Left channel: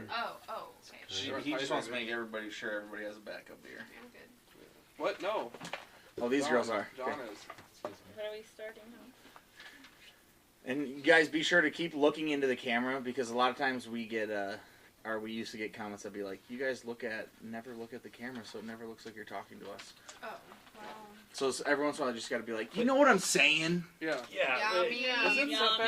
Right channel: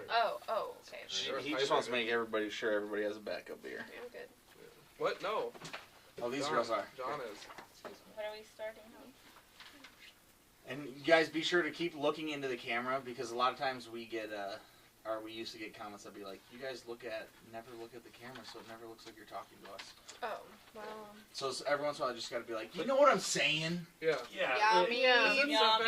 Okay. He just wants to make everybody sure everybody has a backup beer. I'm good. What? No. Oh, these girls are. John is. What are we starting on? And you guys be sure to keep looking into the camera because a lot of times we get we used to get comments that be like, you guys never look at the camera, so it never looks like you're talking to us. Oh, wow. So every once in a while I just gotta be like, you know what I'm saying? Yeah.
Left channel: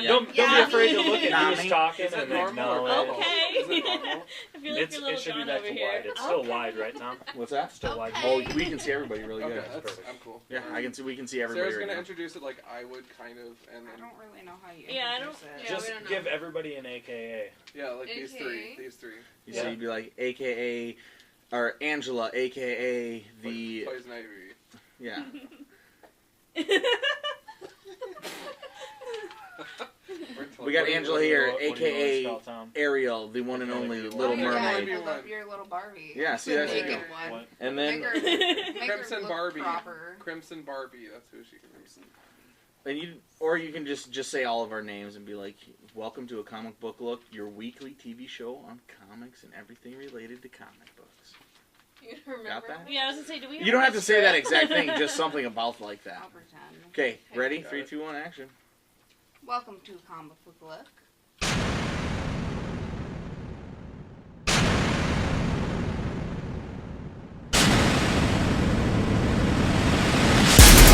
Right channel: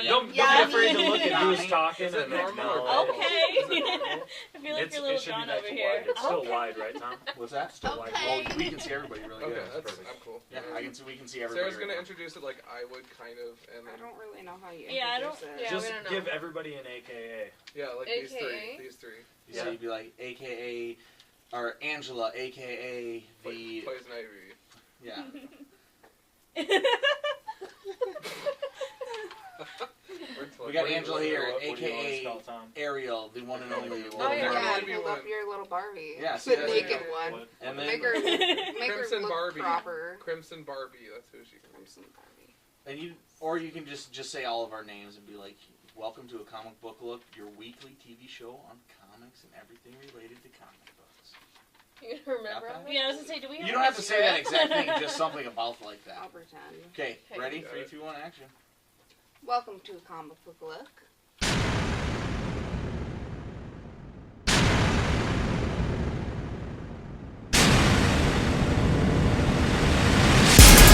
Don't be afraid to look at who's talking Is it and normal or acknowledge. Okay. Is it normal? I feel like It you're a little should be John that over wide. here. It's still wide, right, Tom? What's that? Still wide. Oh, we can see everybody really Okay, good. I'm cool. Yeah, we can see everybody. Sarah's right gonna now. introduce it like I would, kind of, and then I don't really know how you Yeah, I introduce it. Yeah, Just we don't know. give everybody an AKA. yeah, like these AKA? three. So you'd be like, AKA, or Angela, AKA the Poison Ivy. yeah. We got Angela here, What do you want to AKA spell, Tom? Ariel, the one and only Little Oh, Yeah, Mermaid. hold up your little Barbie. Yeah, see, the that's naked it. one. What? And Make then her Crimson look Barbie. proper. Crimson Barbie. That's who she can. Crimson Barbie. or you can just say all of our names and be like, welcome to A Comic Book Look, your weekly TV show on comics and everything related to comic books. You remember? Got that? Yeah, I was gonna say, do we? You don't have to say that exact thing, just something about like that. I'll pretend. Okay, ready? Got 3, it. 2, 1, action. Welcome to A Comic Book Look.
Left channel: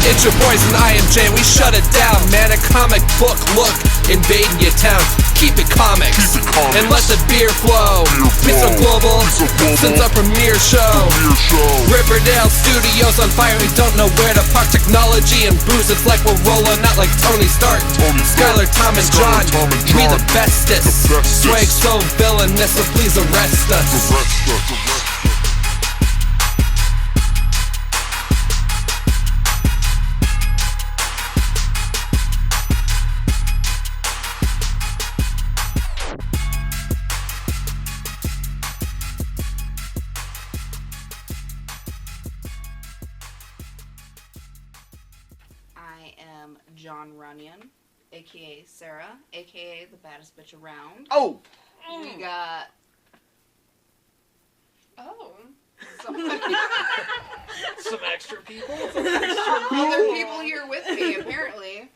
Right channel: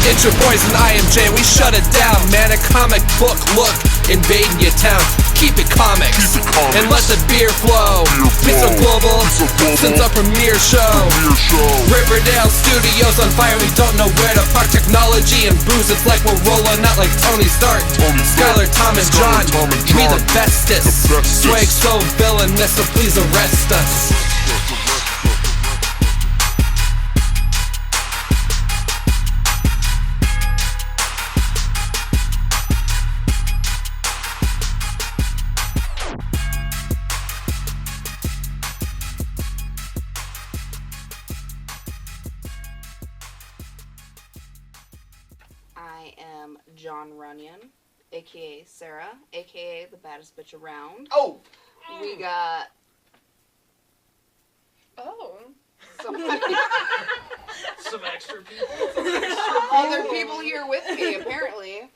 It's your boys in IMJ, we shut it down, man. A comic book look, invading your town. Keep it comics, and let the beer flow. We so global, since our premiere show. Riverdale Studios on fire, we don't know where to park. Technology and booze, it's like we're rolling out like Tony Stark. Skylar, Tom, and John, we the bestest. Swag so villainous, so please arrest us. I am John Runyon, aka Sarah, aka the baddest bitch around. Oh! We got Oh. some Some extra people. other people here with me, apparently.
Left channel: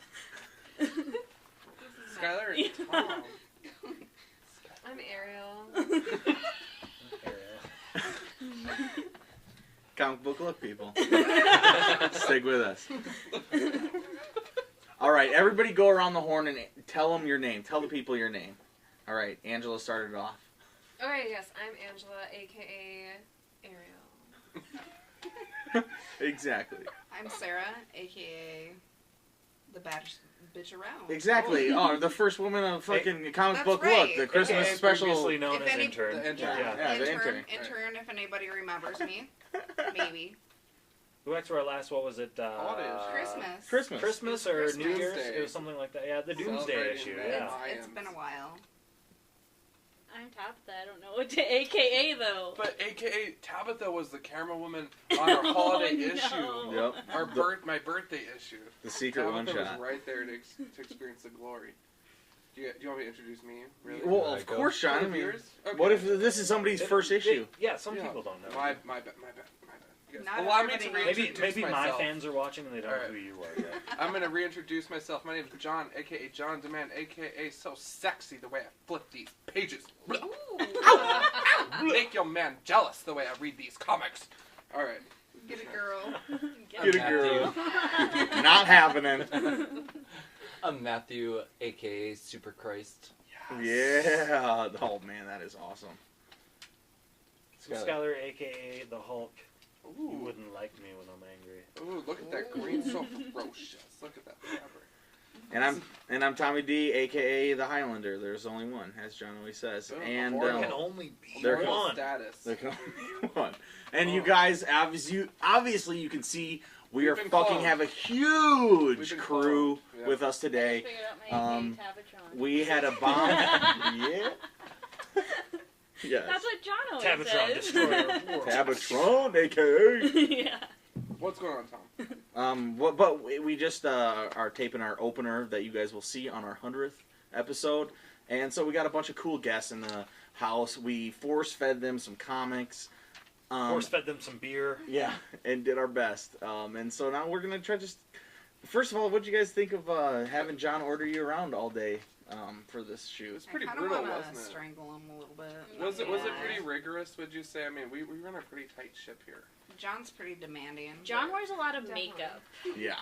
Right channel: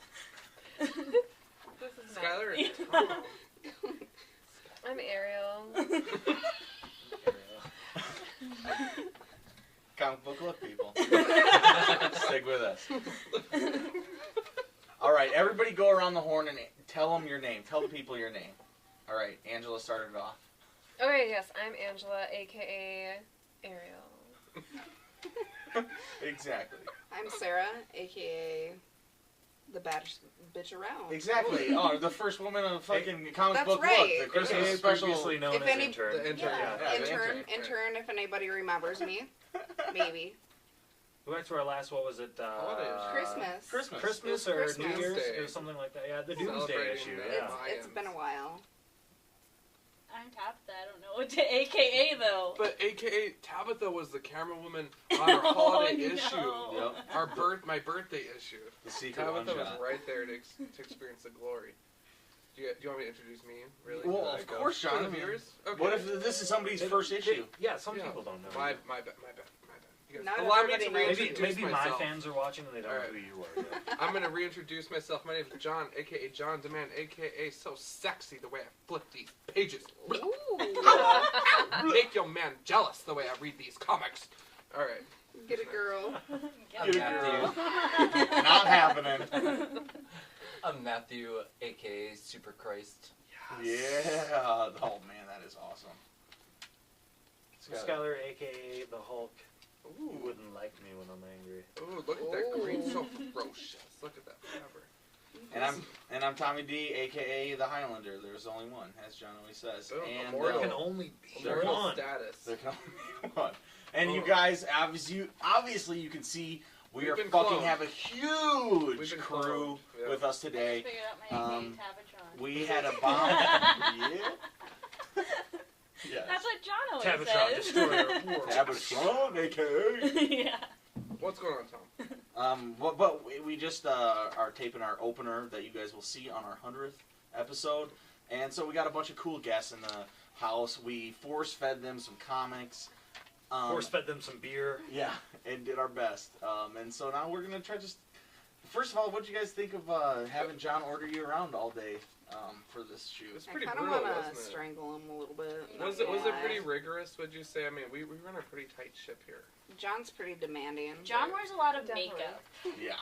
This is Skylar. I'm Ariel. Comic Book Look, people. Stick with us. All right, everybody go around the horn and tell them your name. Tell the people your name. All right, Angela started off. Okay, yes, I'm Angela, aka Ariel. Exactly. I'm Sarah, aka the baddest bitch around. Exactly. Oh, the first woman on fucking Comic That's Book right. Look, the Christmas AKA special. previously known If as any- intern. The intern. Yeah, the intern. Intern, if anybody remembers me. Maybe. We went to our last, what was it? Holidays. Christmas. Christmas or Christmas. New Year's? Doomsday. It was something like that. Yeah, the Doomsday Celebrating issue. the- Yeah. It's been a while. I'm Tabitha. I don't know what to AKA though. But AKA Tabitha was the camera woman on our holiday no. issue. Yep. My birthday issue. The secret one Tabitha was shot. right there to experience the glory. Do you want me to introduce me? Really? Well, of course, Sean. I mean, Viewers? Okay. what if this is somebody's first issue? Yeah, some Yeah. people don't know. My bad. You guys Not allow me to everybody knows. reintroduce Maybe my myself. fans are watching and they don't know Alright. who you are yet. I'm gonna reintroduce myself. My name is John, aka John Demand, aka so sexy the way I flip these pages. Make your man jealous the way I read these comics. All right. Get a girl. Get a girl. Not happening. I'm Matthew, aka Super Christ. Yeah. Oh man, that is awesome. Skylar, aka the Hulk. You Ooh. wouldn't like me when I'm angry. Ooh, look at that green, so ferocious. Look at that cover. And I'm Tommy D, aka the Highlander. There's only one, as John always says. Boom, And immortal. There can only be There Immortal one. status. there can only be one. And you guys, obviously, you can see we We've are been fucking cloned. have a We've huge been crew cloned. Yeah. with us today. Figured out my AKA Tabatron. We had a bomb. Yeah. Yes. That's what John always Tabatron, says. destroyer of worlds. Tabatron, aka. Yeah. What's going on, Tom? But we just are taping our opener that you guys will see on our 100th episode. And so we got a bunch of cool guests in the house. We force-fed them some comics. Force-fed them some beer. Yeah, and did our best. And so now we're going to try just... First of all, what did you guys think of having John order you around all day for this shoot? It's pretty I kind of brutal, want wasn't to it? strangle him a little bit. Was it Yeah. pretty rigorous, would you say? I mean, we run a pretty tight ship here. John's pretty demanding. John wears a lot of Definitely. makeup. Yeah,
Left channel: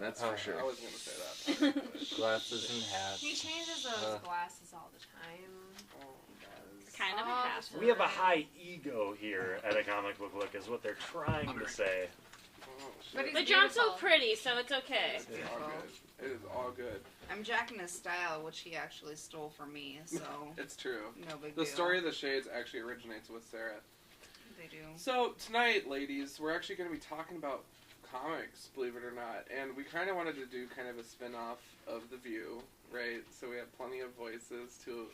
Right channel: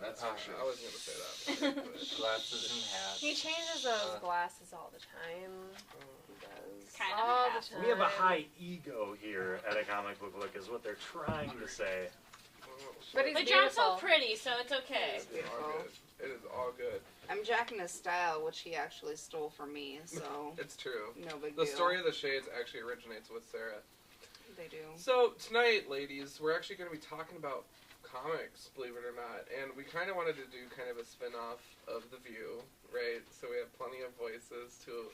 that's for sure. I wasn't going to say that. but- Glasses and hats. He changes those glasses all the time. He does. Kind of all have the to. time. We have a high ego here at a comic book look, is what they're trying to say. But he's But John's so beautiful. pretty, so it's okay. It's It's all beautiful. good. It is all good. I'm jacking his style, which he actually stole from me, so It's true. no big The deal. story of the Shades actually originates with Sarah. They do. So tonight, ladies, we're actually going to be talking about comics, believe it or not, and we kind of wanted to do kind of a spin-off of The View, right? So we have plenty of voices to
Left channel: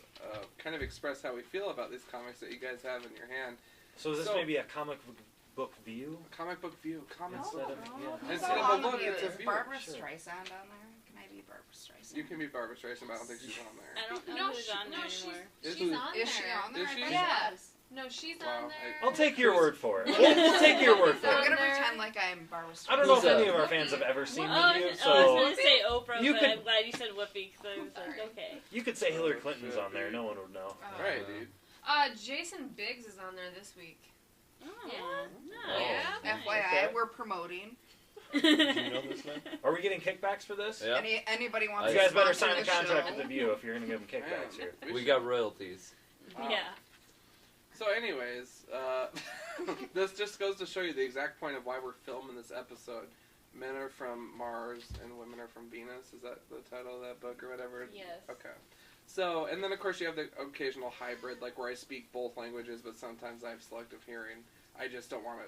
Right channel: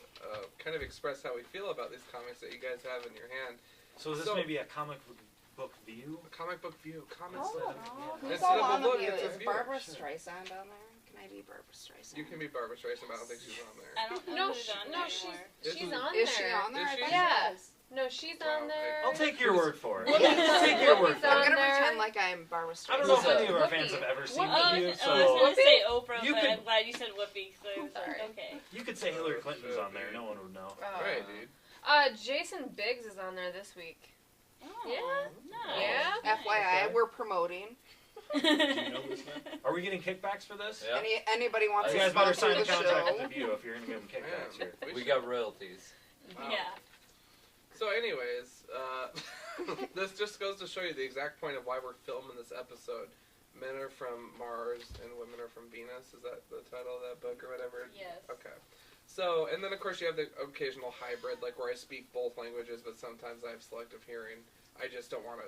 kind of express how we feel about these comics that you guys have in your hand. So is this So- maybe a comic book view? A comic book view, comics. Instead of- Who's Instead all of a on the look, view? it's a Is view. Barbara Sure. Streisand on there? Can I be Barbara Streisand? You can be Barbara Streisand, but I don't think she's on there. I don't know No, who's on there anymore. This she's is- on Is there. she on there? Is I she? thought Yeah. she was. No, she's Wow, on there. I'll take your word for it. Yeah. I'll take your word She's for I'm it. on gonna there. pretend like I'm Barbara Streisand. I don't know if Who's any of our Whoopi. fans have ever seen I The was, View, I was so going to say Oprah, you but could- I'm glad you said Whoopi, because I was Sorry. like, okay. you could say Hillary Clinton's on there. No one would know. Oh. Right, dude. Jason Biggs is on there this week. Oh, Yeah. nice. Yeah. FYI, we're promoting. Are we getting kickbacks for this? Yeah. Anybody wants You to guys better sponsor sign a the contract with show? The View if you're going to give them kickbacks here. Man, We got royalties. Wow. Yeah. So, anyways, this just goes to show you the exact point of why we're filming this episode. Men are from Mars and women are from Venus. Is that the title of that book or whatever? Yes. Okay. So, and then of course you have the occasional hybrid, like where I speak both languages, but sometimes I have selective hearing. I just don't want to,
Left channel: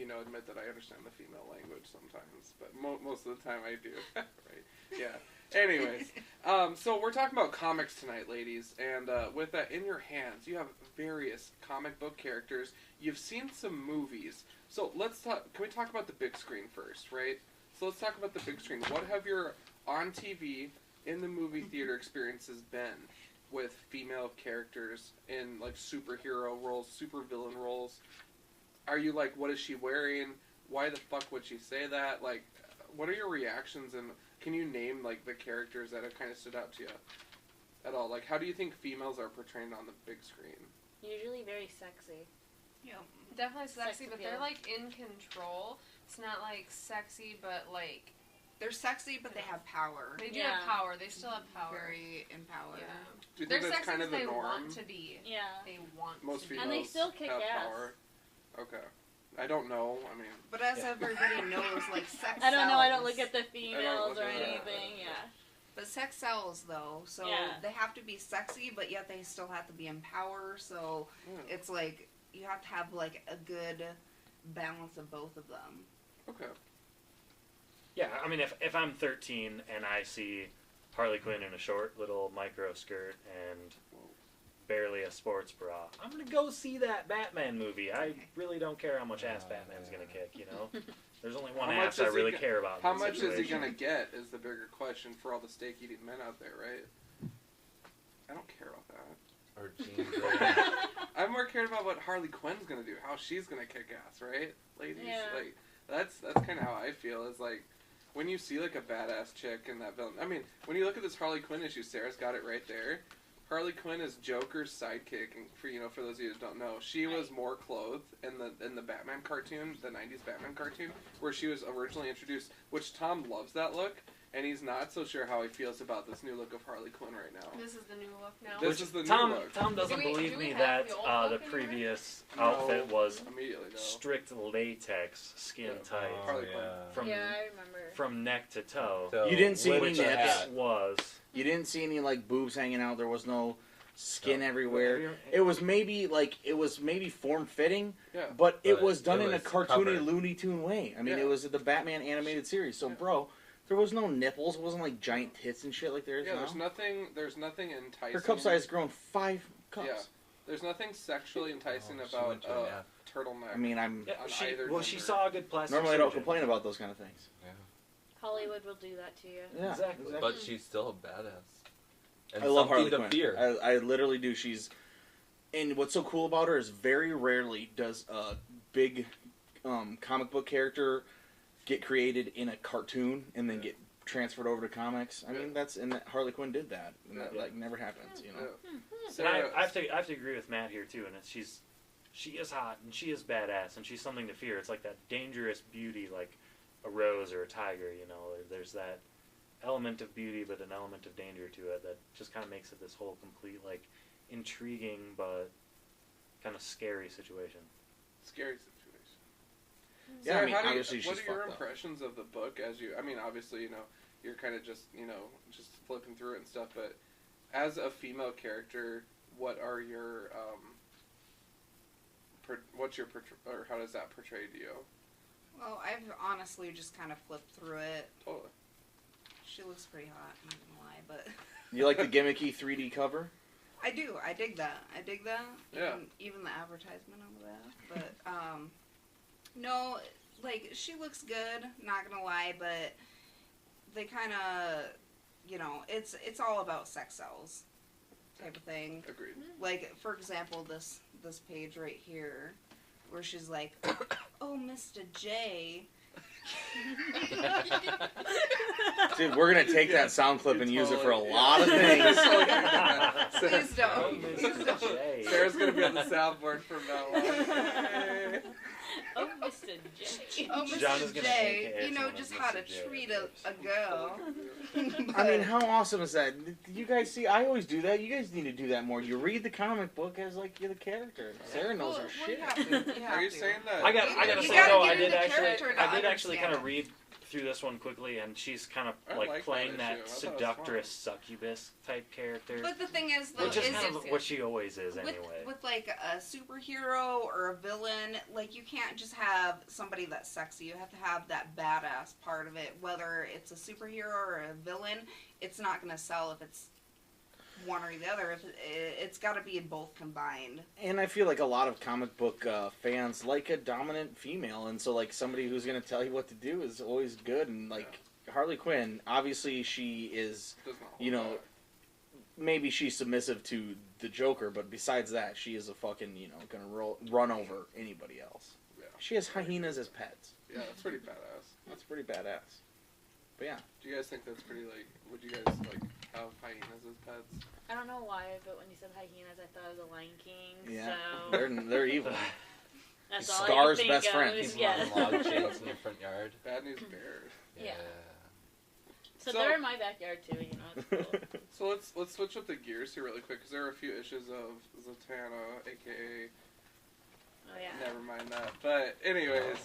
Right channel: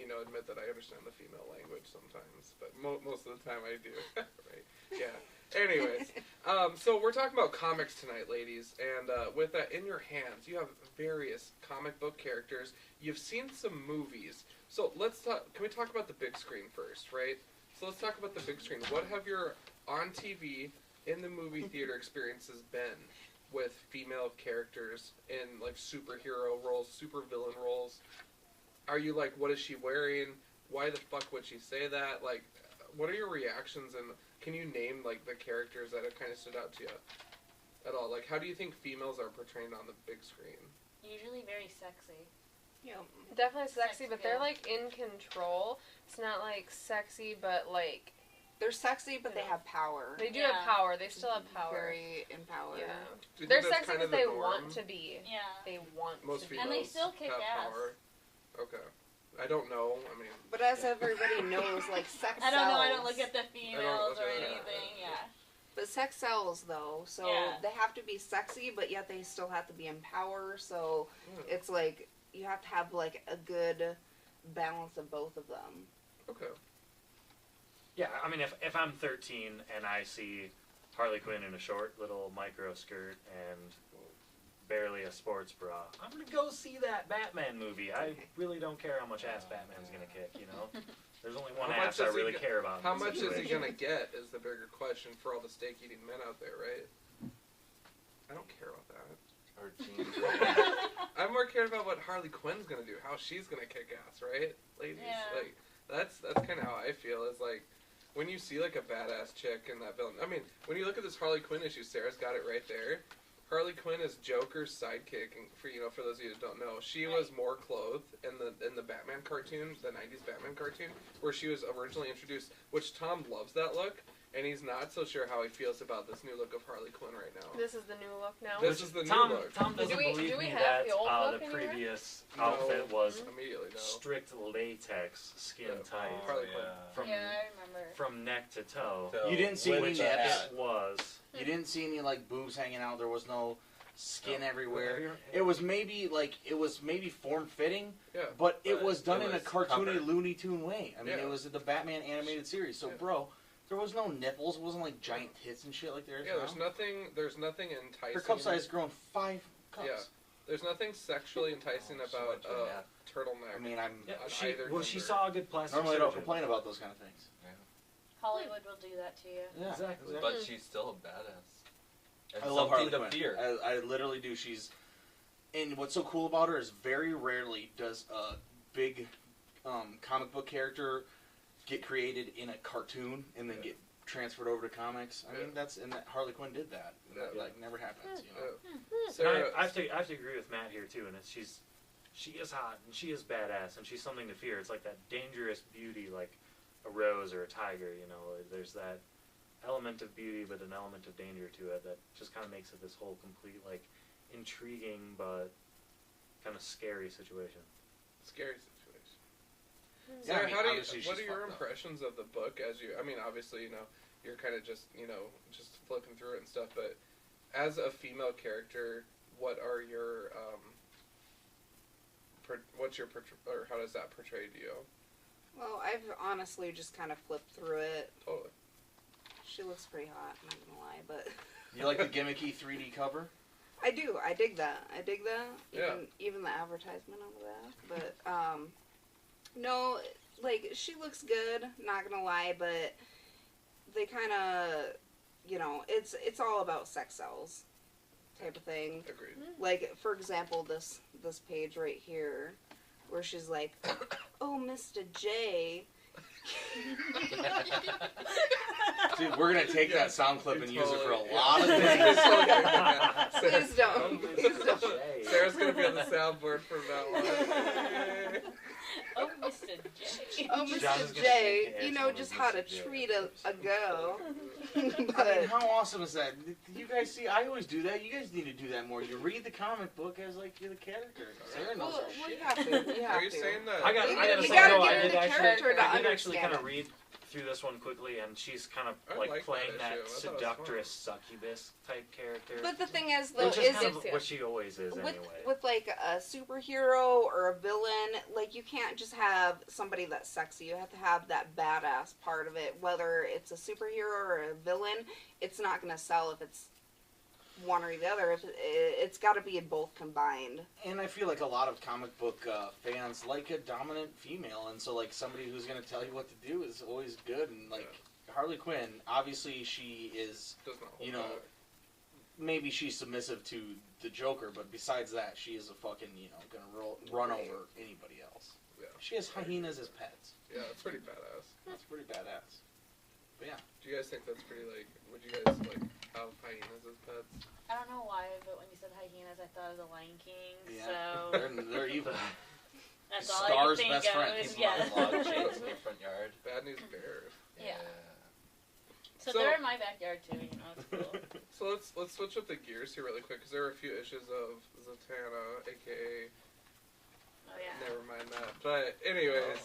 admit that I understand the female language sometimes, but most of the time I do. Right? Yeah. Anyways, so we're talking about comics tonight, ladies, and with that in your hands, you have various comic book characters. You've seen some movies. So let's talk. Can we talk about the big screen first, right? So let's talk about the big screen. What have your on TV, in the movie theater experiences been with female characters in like superhero roles, supervillain roles? Are you like, what is she wearing? Why the fuck would she say that? Like, what are your reactions, and can you name like the characters that have kind of stood out to you at all? Like, how do you think females are portrayed on the big screen? Usually very sexy. Yeah. Definitely sexy, Sex but they're appeal. like in control. It's not like sexy, but like They're sexy, but they have power. they do Yeah. have power. They still have power. Very empowered. Yeah. Do you They're think that's sexy kind of because the they norm? want to be. Yeah. They want Most to be. females And they still kick have ass. power. Okay. I don't know. I mean, But as everybody knows, like sex I don't know, I don't sells. look at the females look or at that. anything, yeah. But sex sells, though, so Yeah. they have to be sexy, but yet they still have to be in power. So yeah. it's like you have to have like a good balance of both of them. Okay. Yeah, I mean, if I'm 13 and I see Harley Quinn in a short little micro skirt and barely a sports bra, I'm gonna go see that Batman movie. I really don't care how much ass Batman's gonna kick, you know? There's only one How much ass I is he really go- care about. in How this much is he situation. gonna get is the bigger question for all the steak-eating men out there, right? I don't care about that. Or jeans. I'm more cared about what Harley Quinn's gonna do, how she's gonna kick ass, right, ladies? Yeah. Like that's kind of how I feel. Is like when you see like a badass chick in that villain. I mean, when you look at this Harley Quinn issue, Sarah's got it right there. Harley Quinn is Joker's sidekick, and for those of you that don't know, she was more clothed in the Batman cartoon, the '90s Batman cartoon, where she was originally introduced. Which Tom loves that look, and he's not so sure how he feels about this new look of Harley Quinn right now. This is the new look now. This is the new Tom, look. Tom doesn't Do we believe me have that the old the look anywhere? previous outfit was Immediately, no. strict latex, skin Yeah. tight, Harley Quinn. from Yeah, I remember. from neck to toe. So, You didn't see with any Which the nips. hat. this was. You didn't see any like boobs hanging out. There was no skin No. everywhere. It was maybe form fitting, Yeah. but it But was done it in a was cartoony covered. Looney Tune way. I mean, Yeah. it was the Batman animated series. So, Yeah. bro, there was no nipples. It wasn't like giant tits and shit like there is Yeah, now. there's nothing enticing. Her cup size has grown 5 cups. Yeah. There's nothing sexually enticing Oh, so about much on that. turtleneck. I mean, I'm Yeah, On she either she gender. saw a good plastic normally I don't surgeon. complain about those kind of things. Hollywood will do that to you. Yeah, Exactly. But she's still a badass. And I love Harley something to Quinn. fear. I literally do. And what's so cool about her is very rarely does a big comic book character get created in a cartoon and then get transferred over to comics. I mean, Harley Quinn did that. And that never happens, you know. Sarah, I have to agree with Matt here too, and she is hot and she is badass and she's something to fear. It's like that dangerous beauty, like a rose or a tiger. You know, there's that element of beauty, but an element of danger to it that just kind of makes it this whole complete, like, intriguing but kind of scary situation. Scary situation. Yeah, Sarah, I mean, obviously what she's are your fucked up. impressions of the book as you? I mean, obviously, you're kind of just just flipping through it and stuff. But as a female character, what are your or how does that portray to you? Well, I've honestly just kind of flipped through it. Totally. She looks pretty hot, I'm not gonna lie, but You like the gimmicky 3D cover? I do. I dig that. Yeah. Even the advertisement of that. But no, like she looks good. Not gonna lie, but they kind of, it's all about sex sells, type of thing. Agreed. Like for example, this page right here, where she's like, "Oh, Mr. J." Dude, we're gonna take that sound clip You're and use it for a totally- lot of yeah. things. Please don't. Please don't. Sarah's gonna be on the soundboard from now on. Oh, Mr. J. Oh, John is Mr. gonna J, think you know it's just one how of to Mr. J. treat a girl. I mean, how awesome is that? You guys see, I always do that. You guys need to do that more. You read the comic book as like you're the character. Sarah knows Well, her you shit. have to. You have Are you to. saying that? I gotta You say, gotta no, get I into did actually, character to I did actually kind of understand read through this one quickly, and she's kind of I like like playing that that issue. I thought it was seductress succubus type character, But the thing is, though, which is is kind of yes. what she always is with anyway. with like a superhero or a villain, like you can't just have somebody that's sexy. You have to have that badass part of it. Whether it's a superhero or a villain, it's not gonna sell if it's one or the other. If it's got to be both combined. And I feel like a lot of comic book fans like a dominant female, and so like somebody who's gonna tell you what to do is always good. And like Harley Quinn, obviously she is, Doesn't hold you know, back. maybe she's submissive to the Joker, but besides that, she is a fucking, gonna run over anybody else. Yeah. She has hyenas as pets. Yeah, that's pretty badass. That's pretty badass. But yeah. Do you guys think that's pretty would you guys have hyenas as pets? I don't know why, but when you said hyenas, I thought of the Lion King. Yeah. So They're evil. that's all Scar's I can best think friend. of. People Yeah. on log chains in your front yard. Bad news bears. Yeah. So So- they're in my backyard too. It's cool. So let's switch up the gears here really quick because there are a few issues of Zatanna, aka Oh yeah. never mind that. But anyways,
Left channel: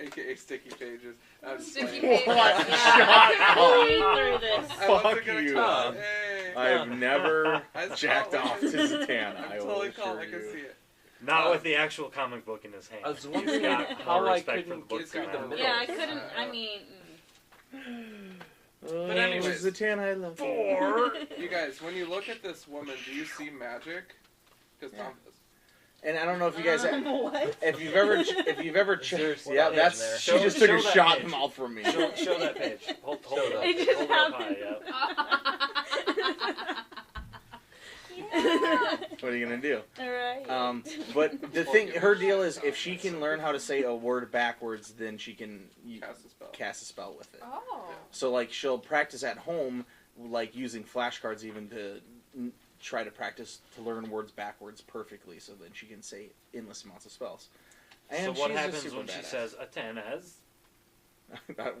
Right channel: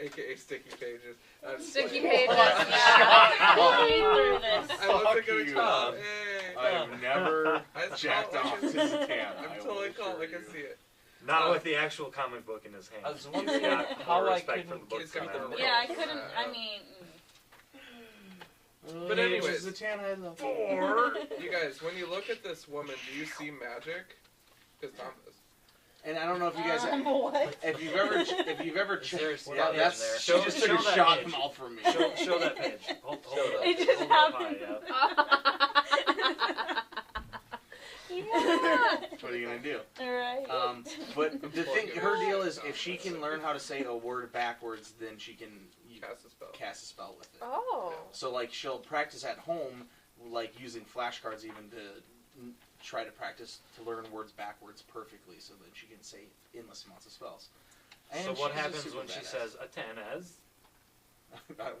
aka Sticky Pages. Sticky Pages. Pages. Shut We'll up. read through this. I wasn't Fuck gonna you. call it. Hey. I have never I just jacked call it off like to I see it. Zatanna. I'm I totally will calm. I assure can you. see it. Not with the actual comic book in his hand. I was He's wondering got how more I respect for couldn't the book get through than I the do. Yeah, I couldn't. I mean, But anyways. Zatanna, I love you. You guys, when you look at this woman, do you see magic? Because And I don't know if you guys, what? if you've ever checked, Seriously, yeah, that that's page there. she Show- just took a show that shot page. mouth from me. Show that page. Hold Show that. that. It just Hold that happened. yeah. Yeah. What are you gonna do? Alright. But the thing, her deal is if she can learn how to say a word backwards, then she can cast a spell. cast a spell with it. Oh. So like she'll practice at home, like using flashcards even to try to practice to learn words backwards perfectly, so that she can say endless amounts of spells. So And what she's just happens super when she badass. says Atenaz?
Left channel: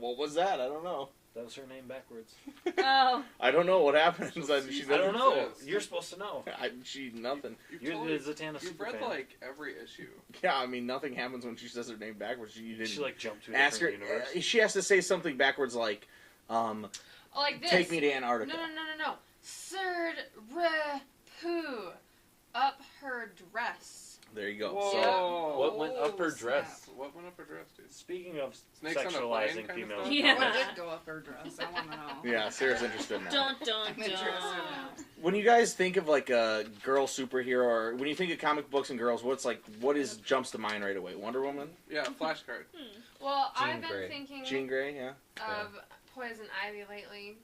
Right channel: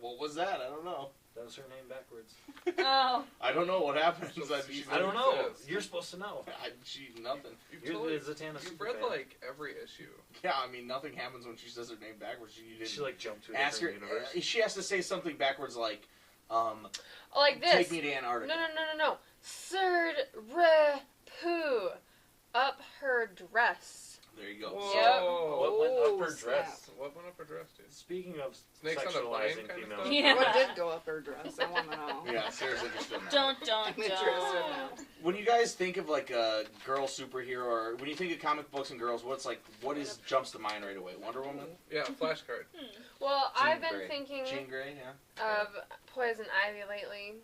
What was that? I don't know. That was her name backwards. Oh. I don't know what happens. She I never don't know. says. You're supposed to know. She nothing. You've, You're totally, the Zatanna you've super read fan. like every issue. Yeah, I mean nothing happens when she says her name backwards. You didn't She like jumped to a ask her. different universe. She has to say something backwards like, Like this. "Take me to Antarctica." No. Third re poo. Up her dress. There you go. Whoa. Yep. What went up her Oh, dress? snap. What went up her dress, dude? Speaking of Snakes on a plane sexualizing kind of females, stuff? Yeah. What did go up her dress? I want to know. Yeah, Sarah's interested in that. Don't. I'm interested now. When you guys think of like a girl superhero, or when you think of comic books and girls, jumps to mind right away? Wonder Woman, Yeah, flashcard. Well, Jean I've been Grey. thinking Jean Grey, yeah. of Poison Ivy lately.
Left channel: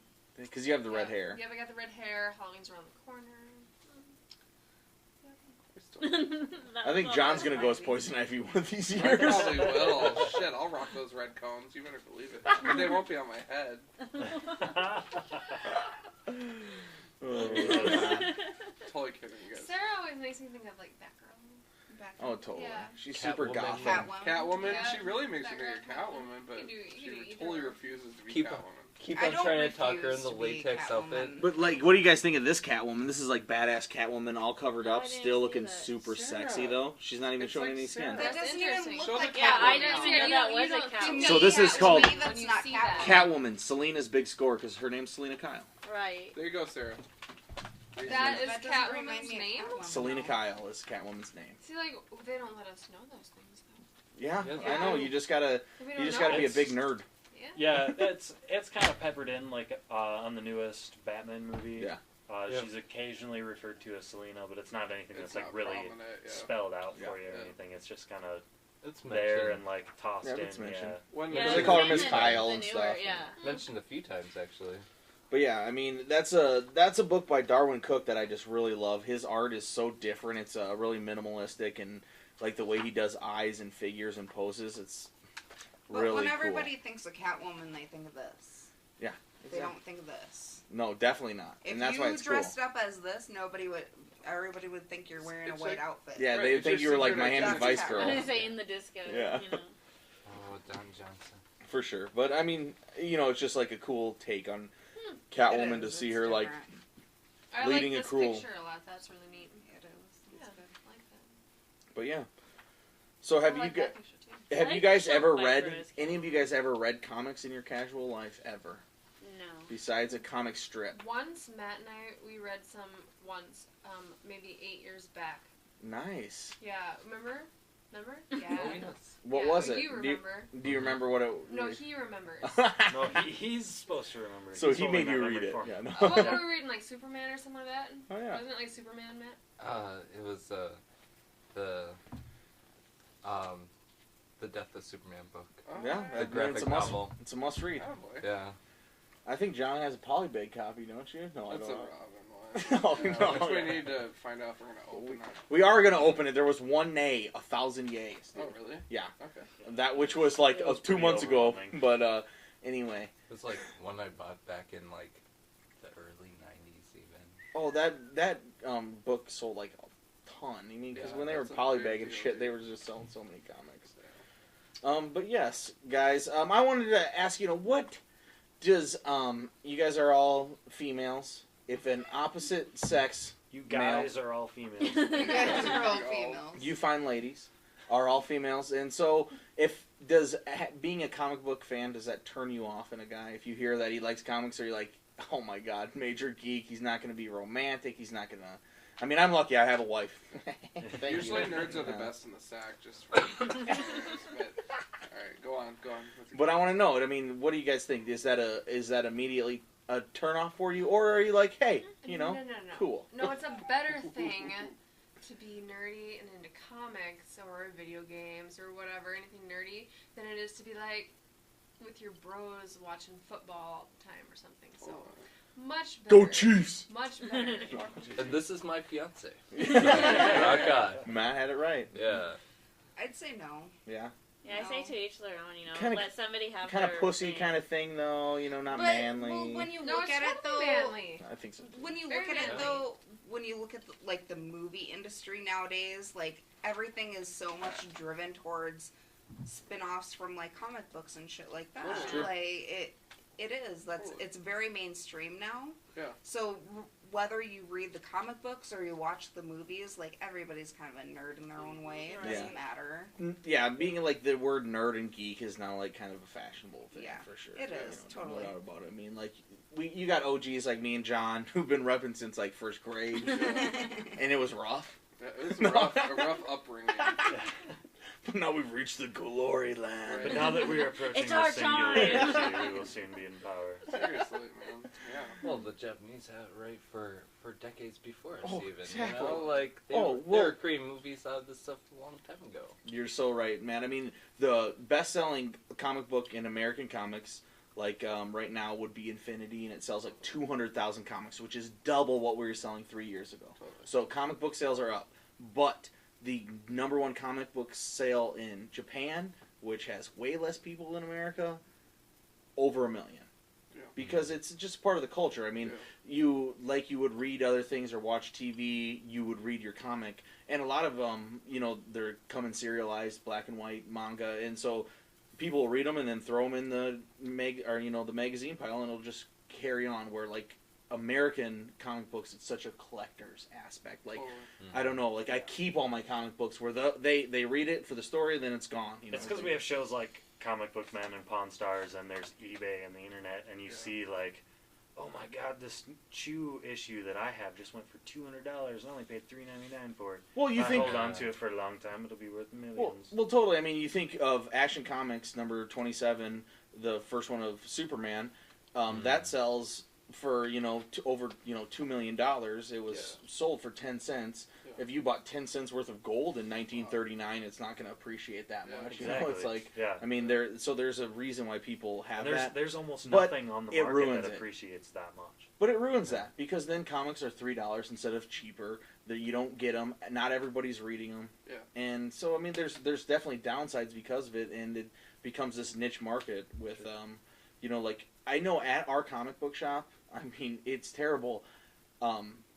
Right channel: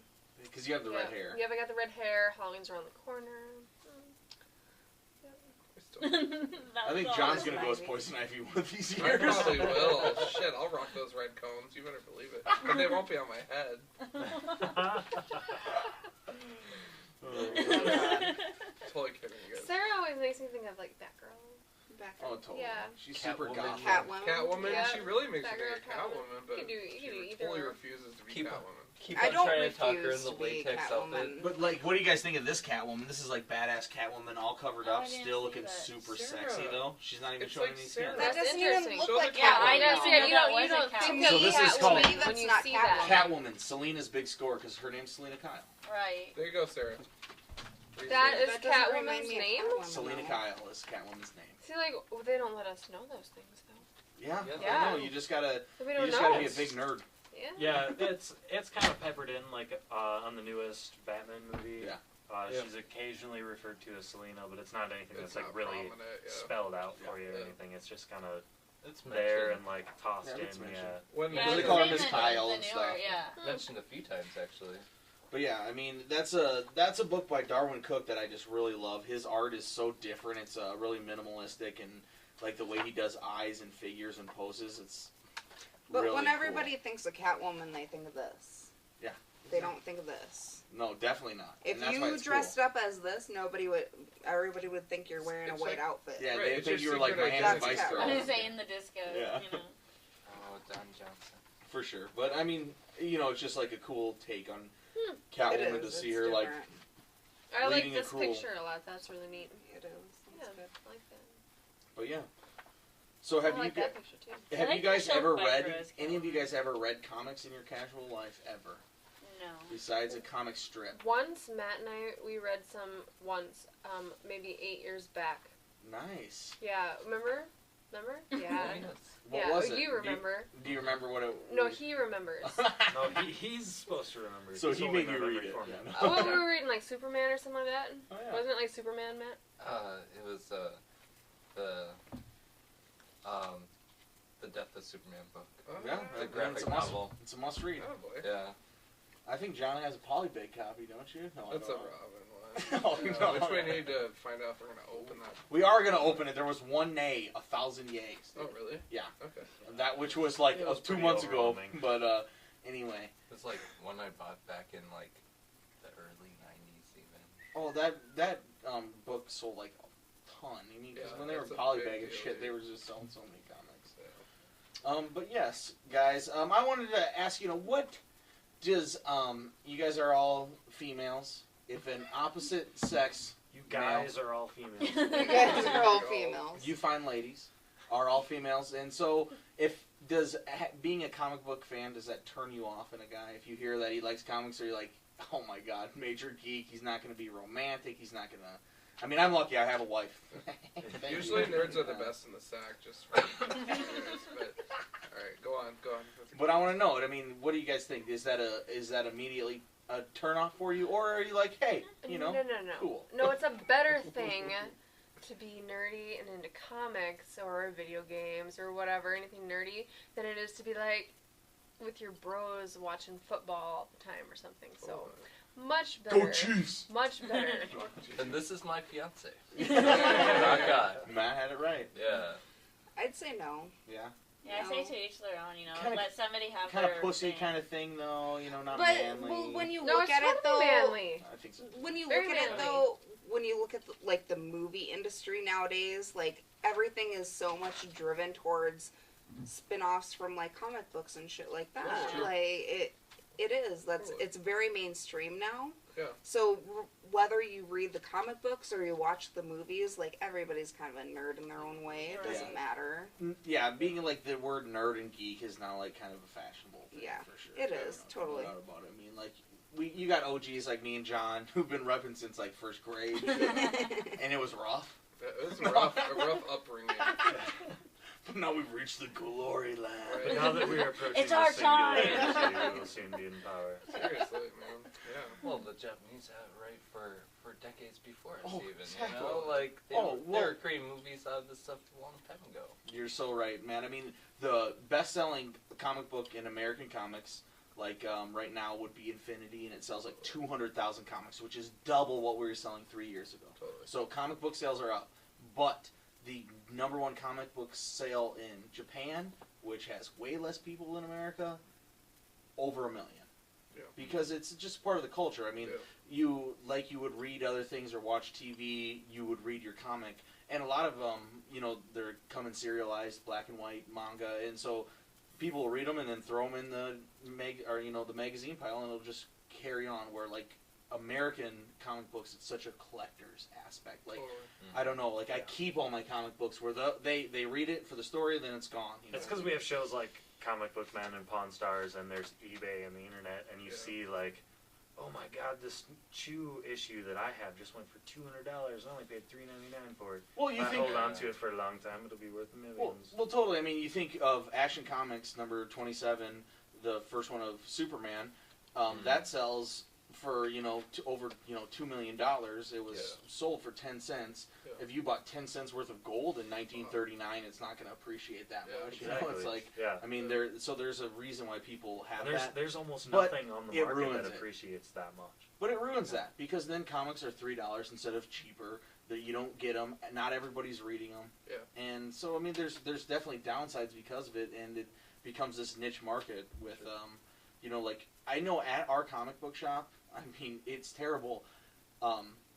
Because you have the red hair. Yeah, I got the red hair. Halloween's around the corner. I think John's gonna go as Poison Ivy one of these I years. probably will. Shit, I'll rock those red combs. You better believe it. But they won't be on my head. Totally kidding, you guys. Sarah always makes me think of like Batgirl. Oh, totally. Yeah. She's super Catwoman. goth. Catwoman, Yeah. she really makes me Batgirl, think of Catwoman, but You do she either totally one. refuses to be Keep- Catwoman. Keep I on don't trying to talk her in refuse the to be latex outfit. Catwoman. But like, what do you guys think of this Catwoman? This is like badass Catwoman, all covered Oh, I up, didn't still see looking that. super Sarah. sexy though. She's not even It's showing like any Sarah. skin. That That's doesn't even interesting. look Show like the Yeah, I Catwoman. know. know. See, Yeah, you you don't don't think think So this is Catwoman called- To me, when that's you not see that. Catwoman, Selena's big score because her name's Selena Kyle. Right. There you go, Sarah. That is That doesn't remind Catwoman's me of name? Catwoman. Selena Kyle is Catwoman's name. See, like, they don't let us know those things, though. Yeah, Yeah. I know. You just gotta, We you don't just know. gotta be a big nerd. Yeah. Yeah, it's kind of peppered in like on the newest Batman movie. Yeah. Yeah. She's occasionally referred to as Selena, but it's not anything It's that's like not really prominent, yeah. spelled out for Yeah. you or Yeah. anything. It's just kind of It's there mentioned, and like tossed Yeah, in. it's mentioned. Yeah. When Yeah, They the call her same Miss in Kyle the and newer, stuff. Yeah. mentioned a few times actually. But yeah, I mean that's a book by Darwin Cook that I just really love. His art is so different. It's really minimalistic and like the way he does eyes and figures and poses. It's But really when cool. everybody thinks of Catwoman, they think of this. Yeah. They don't think of this. No, definitely not. If and that's why you it's dressed cool. up as this, everybody would think you're wearing It's a white like- outfit. Yeah, Right, they it's think your you were like secret Miami identity. Vice That's Girl. I was saying the disco. Yeah. You know. Oh, Don Johnson. For sure. But I mean, you know, it's just like a cool take on It Catwoman is, to see it's her like. different. I like Leading a this cruel- picture a lot. That's really neat. It is. Yeah, It's good. I like that. But yeah. So have I you like that picture too. have I you like guys the ever Shelf read Viper as any of you guys ever read comics in your casual life ever No. besides a comic strip? Once Matt and we read some once, maybe 8 years back. Nice. Yeah, remember? Yeah. What yeah, was it? You remember? Do you remember what it? No, he remembers. No, he's supposed to remember. So He's he holding made you my read memory it. for me. Yeah, no. Oh, what were we reading, like Superman or something like that? Oh, yeah. Wasn't it like Superman, Matt? It was the Death of Superman book. Oh, Yeah, alright. The it's graphic a must. novel. It's a must read. Oh boy. Yeah. I think John has a polybag copy, don't you? No, I That's a don't. Robin one. Oh, no, Which we yeah. need to find out if we're gonna open that. We are gonna open it. There was one nay, 1,000 yays. Oh really? Yeah. Okay. That which was like It was 2 pretty months ago, overwhelming. but anyway. It's like one I bought back in like the early '90s even. Oh, that book sold like a ton. I mean, because Yeah, when they were that's a polybag big and deal, shit, they dude. were just selling so many comics. But yes, guys, I wanted to ask, what does you guys are all females. If an opposite sex You guys are all females. You guys are all Girl. females. you find ladies are all females, and so if being a comic book fan, does that turn you off in a guy? If you hear that he likes comics, or you're like, oh my god, major geek, he's not going to be romantic, he's not going to. I mean, I'm lucky I have a wife. Thank Usually you. nerds are the best in the sack, just for but alright, go on. But I want to know. I mean, what do you guys think? Is that immediately a turn off for you, or are you like, hey, No. cool? No, it's a better thing to be nerdy and into comics or video games or whatever, anything nerdy, than it is to be like with your bros watching football all the time or something. So much better. Go Chiefs! Much better. And this is my fiance. Rock on. Matt had it right. Yeah. I'd say no. Yeah. Yeah, I say to each their own. You know, Kinda- let somebody have Kind of their pussy thing. kind of thing, though. Not But manly. well, when you No, look it's at it though, manly. I think so. when you Very look at it manly. though, when you look at the movie industry nowadays, like everything is so much driven towards spin-offs from like comic books and shit like that. That's true. Like it is. It's very mainstream now. Yeah. So whether you read the comic books or you watch the movies, like everybody's kind of a nerd in their own way. It doesn't matter. Yeah, being like the word nerd and geek is now like kind of a fashionable thing. Yeah, for sure. it is, No totally. doubt about it. I mean, like you got OGs like me and John who've been repping since like first grade, and it was rough. It was No. a rough upbringing. But now we've reached the glory land. Right. But now that we are approaching It's our the singular time. age, we will soon be in power. Seriously, man. Yeah. Well, the Japanese had it right for decades before us, Oh, even. exactly. You know, like they, Oh, were, well- they were creating movies out of this stuff a long time ago. You're so right, man. I mean, the best-selling comic book in American comics like right now would be Infinity, and it sells like 200,000 comics, which is double what we were selling 3 years ago. Totally. So comic book sales are up, but the #1 comic book sale in Japan, which has way less people than America, over 1 million. Yeah. Because it's just part of the culture. I mean, Yeah. you would read other things or watch TV, you would read your comic, and a lot of them, they're coming serialized, black and white manga, and so people will read them and then throw them in the the magazine pile, and it'll just carry on. Where like American comic books, it's such a collector's aspect. Like I don't know, like I keep all my comic books where they read it for the story, then it's gone. It's because we have shows like Comic Book Man and Pawn Stars, and there's eBay and the internet, and you see like, oh my God, this Chew issue that I have just went for $200. I only paid $3.99 for it. Well, you if think I hold on to it for a long time, it'll be worth millions. Well, totally. I mean, you think of Action Comics number 27, the first one of Superman, that sells for over $2 million. It was sold for 10 cents. Yeah. If you bought 10 cents worth of gold in 1939, it's not going to appreciate that much. Exactly. It's like yeah. I mean, there's a reason why people have that. There's almost But nothing on the it market ruins that it. appreciates that much. But it ruins that because then comics are $3 instead of cheaper. That you don't get them. Not everybody's reading them. Yeah. And so I mean, there's definitely downsides because of it, and it becomes this niche market with like I know at our comic book shop. I mean, it's terrible.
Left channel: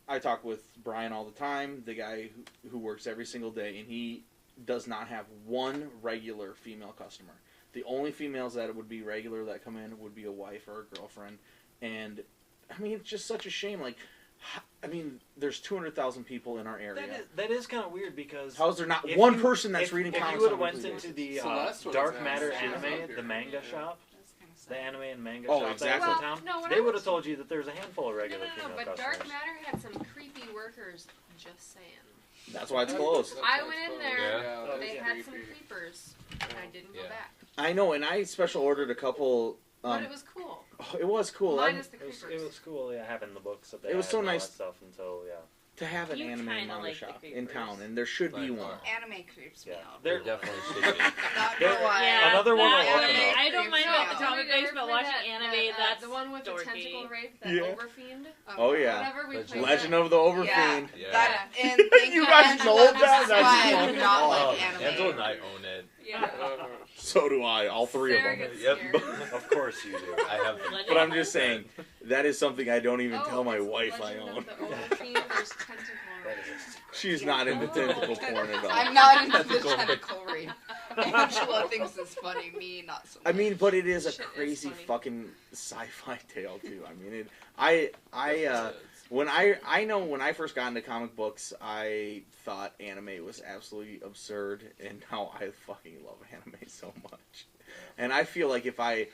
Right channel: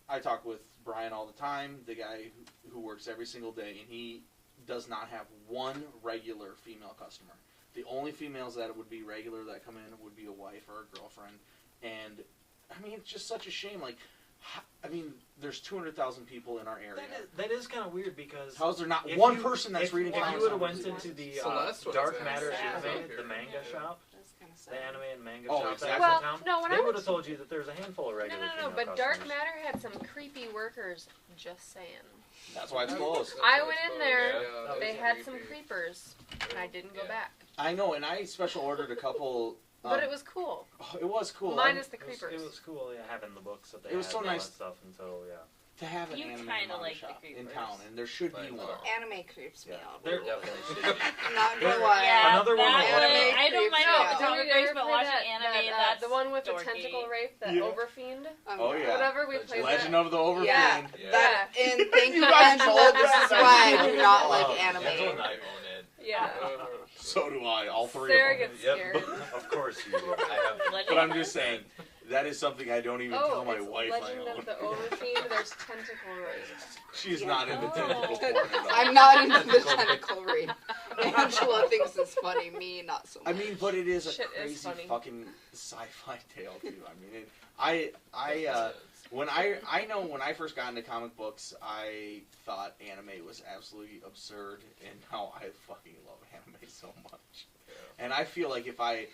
I talk with Brian all the time, the guy who works every single day, and he does not have one regular female customer. The only females that would be regular that come in would be a wife or a girlfriend. And, I mean, it's just such a shame. Like, I mean, there's 200,000 people in our area. That is kind of weird because How is there not if one you- person that's if, reading if comics? you would on have went weekly into basis? the Celeste was Dark in Matter Celeste. Anime, Yeah. the manga shop, That's kind of the sad. anime and manga Oh, shop exactly. that Well, was in town, no, when they I would went have told you that there's a handful of regular No, female but Dark customers. Matter had some creepy workers. Just saying. That's why it's closed. I went in there. Yeah, They that's had some creepy. creepers, and I didn't go Yeah. back. I know, and I special ordered a couple. But it was cool. It was cool. Minus the It was, creepers. it was cool, having the books that they It was had so and all nice. that stuff until, to have an You anime kinda manga like the shop in creepers. town, and there should be Like, one. Anime creeps me Yeah. out. There, Definitely should be. I'm not gonna There- lie. Yeah, Another one that was- one, Anime I don't mind creeps me all out. the comic books, but watching that, anime, that, that's the one with the dorky. tentacle rape, that Yeah. Overfiend. Oh, yeah. Whatever we Legend. played. Legend that. of the Overfiend. Yeah, Yeah. that and thank you, You guys Angela. told This us is that. why I do not like Angela anime. and I own it. Yeah. So do I. All three Sarah of them. gets Yep. scared. of course you do. I have. But I'm just saying, that is something I don't even Oh, tell my it's wife I Legend own. of the Overfiend. There's tentacle rape. She's not into Oh. tentacle porn at all. I'm not into the tentacle rape. Angela thinks it's funny. Me, not so much. I mean, but it is a Shit is crazy funny. fucking sci-fi tale too. I mean, when I first got into comic books, I thought anime was absolutely absurd, and now I fucking love anime so much. And I feel like if I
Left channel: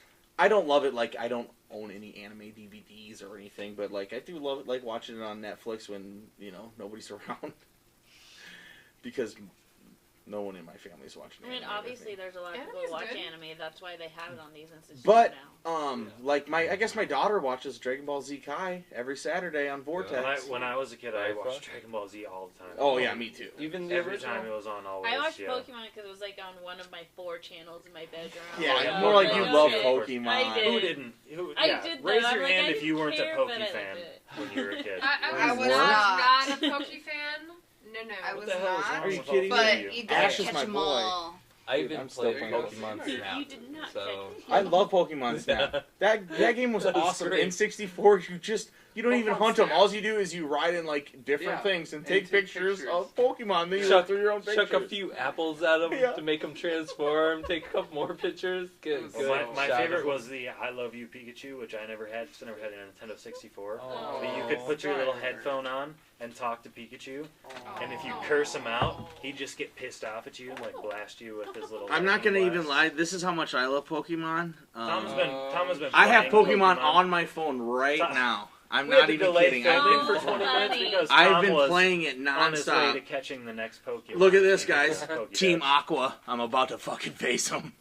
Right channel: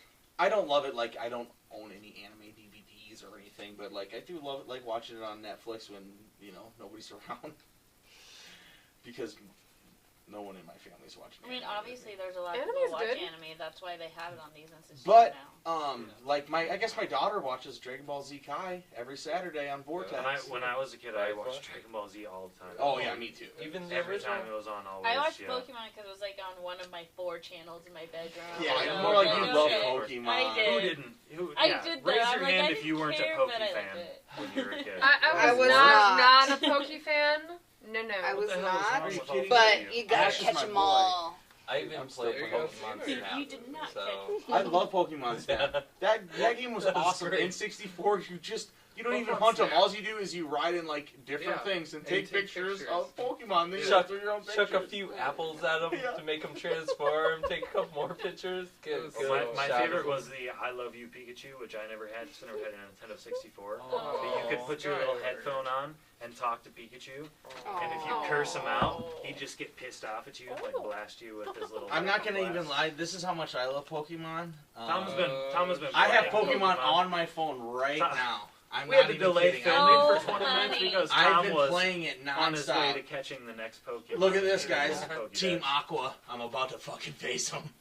don't love it, like I don't own any anime DVDs or anything, but like I do love it, like watching it on Netflix when nobody's around, because no one in my family's watching. I mean, anime. obviously, there's a lot of Anime's people who watch good. anime. That's why they have it on these institutions But now. like I guess my daughter watches Dragon Ball Z Kai every Saturday on Vortex. When I was a kid, I Right, watched bro. Dragon Ball Z all the time. Oh yeah, me too. Even the Every original. time it was on, always. I watched yeah. Pokemon because it was like on one of my 4 channels in my bedroom. Yeah, yeah, more like you Pokemon. love okay. Pokemon. I did. Who didn't? I did though. Raise I'm your like, hand I if you weren't a didn't care, Poke but I fan liked it. when you were a kid. I I was was not a Poke fan. No. I was What the hell is not. wrong Are you with kidding all But of you you? gotta Ash is catch my them boy. all. I even I'm play still playing Pokemon You Snap. did not so. catch I love Pokemon Snap. That game was That was awesome. great. In 64, you don't even Pokemon hunt them. Snap. All you do is you ride in like different Yeah, things and and take take pictures pictures. of Pokemon. Then you Chuck- through your own pictures. Chuck a few apples at him Yeah. to make him transform. Take a couple more pictures. Get Well, my favorite was the I Love You Pikachu, which I never had. Just never had a Nintendo 64. Oh, But you could put your little headphone on and talk to Pikachu, and if you Aw. curse him out, he'd just get pissed off at you, like blast you with his little. I'm not gonna blast. even lie. This is how much I love Pokemon. Tom has been. I have playing Pokemon on my phone right Tom- now. I'm We had not to even delay kidding. filming Oh, for 20 minutes honey. because I've Tom been was playing it on his way nonstop. to catching the next Pokemon. Look at this, in the guys. Pokédex. Team Aqua. I'm about to fucking face them.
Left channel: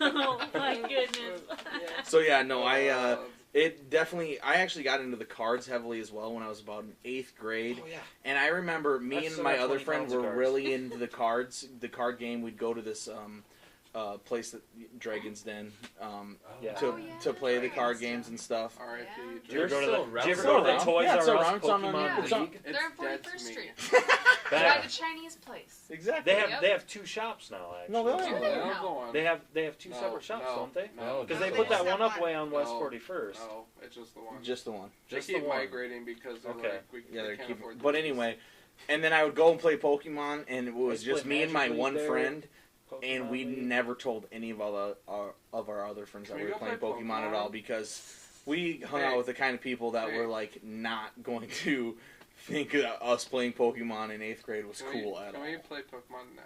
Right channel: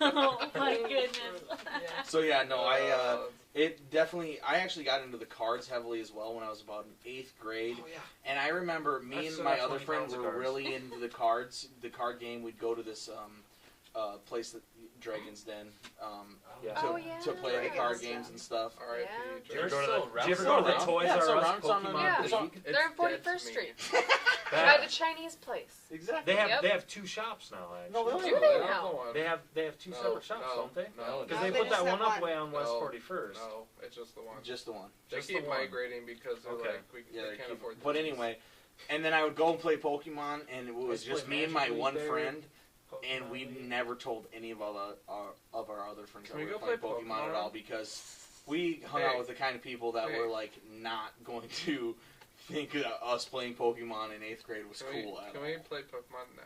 oh my goodness. So yeah, no, it definitely. I actually got into the cards heavily as well when I was about in 8th grade. Oh, yeah. And I remember me I and still my have other 20 friend pounds of were cards. really into the cards, the card game. We'd go to this place that Dragon's Den Yeah. to Oh, yeah. to play the card Dragon's games Den. and stuff. R.I.P. Yeah. Do you ever They're go to still the, do you ever around. go to the Toys Yeah, it's R Us around. It's on Pokemon the- Yeah. it's on- League? It's They're on dead 41st to me. Street. Bad. By the Chinese place. Exactly. They have Yep. they have 2 shops now. Actually. No, they Do don't. they I don't now? go on. They have 2 No, separate shops, no, don't they? No, Because No, they they put just that have one up one. way on West No. 41st. No, it's just the one. Just the one. They Just keep the one. migrating because they're Okay. like, we Yeah, they they're can't keep, afford. but these. anyway, and then I would go and play Pokemon, and it was Let's just play me and my Magic one League there. friend, and Pokemon we League. never told any of our other friends Can that we we were go playing play Pokemon at Pokemon? all because we hung Hey. out with the kind of people that Hey. were like not going to think that us playing Pokemon in 8th grade was Can cool at Can all. we play Pokemon now?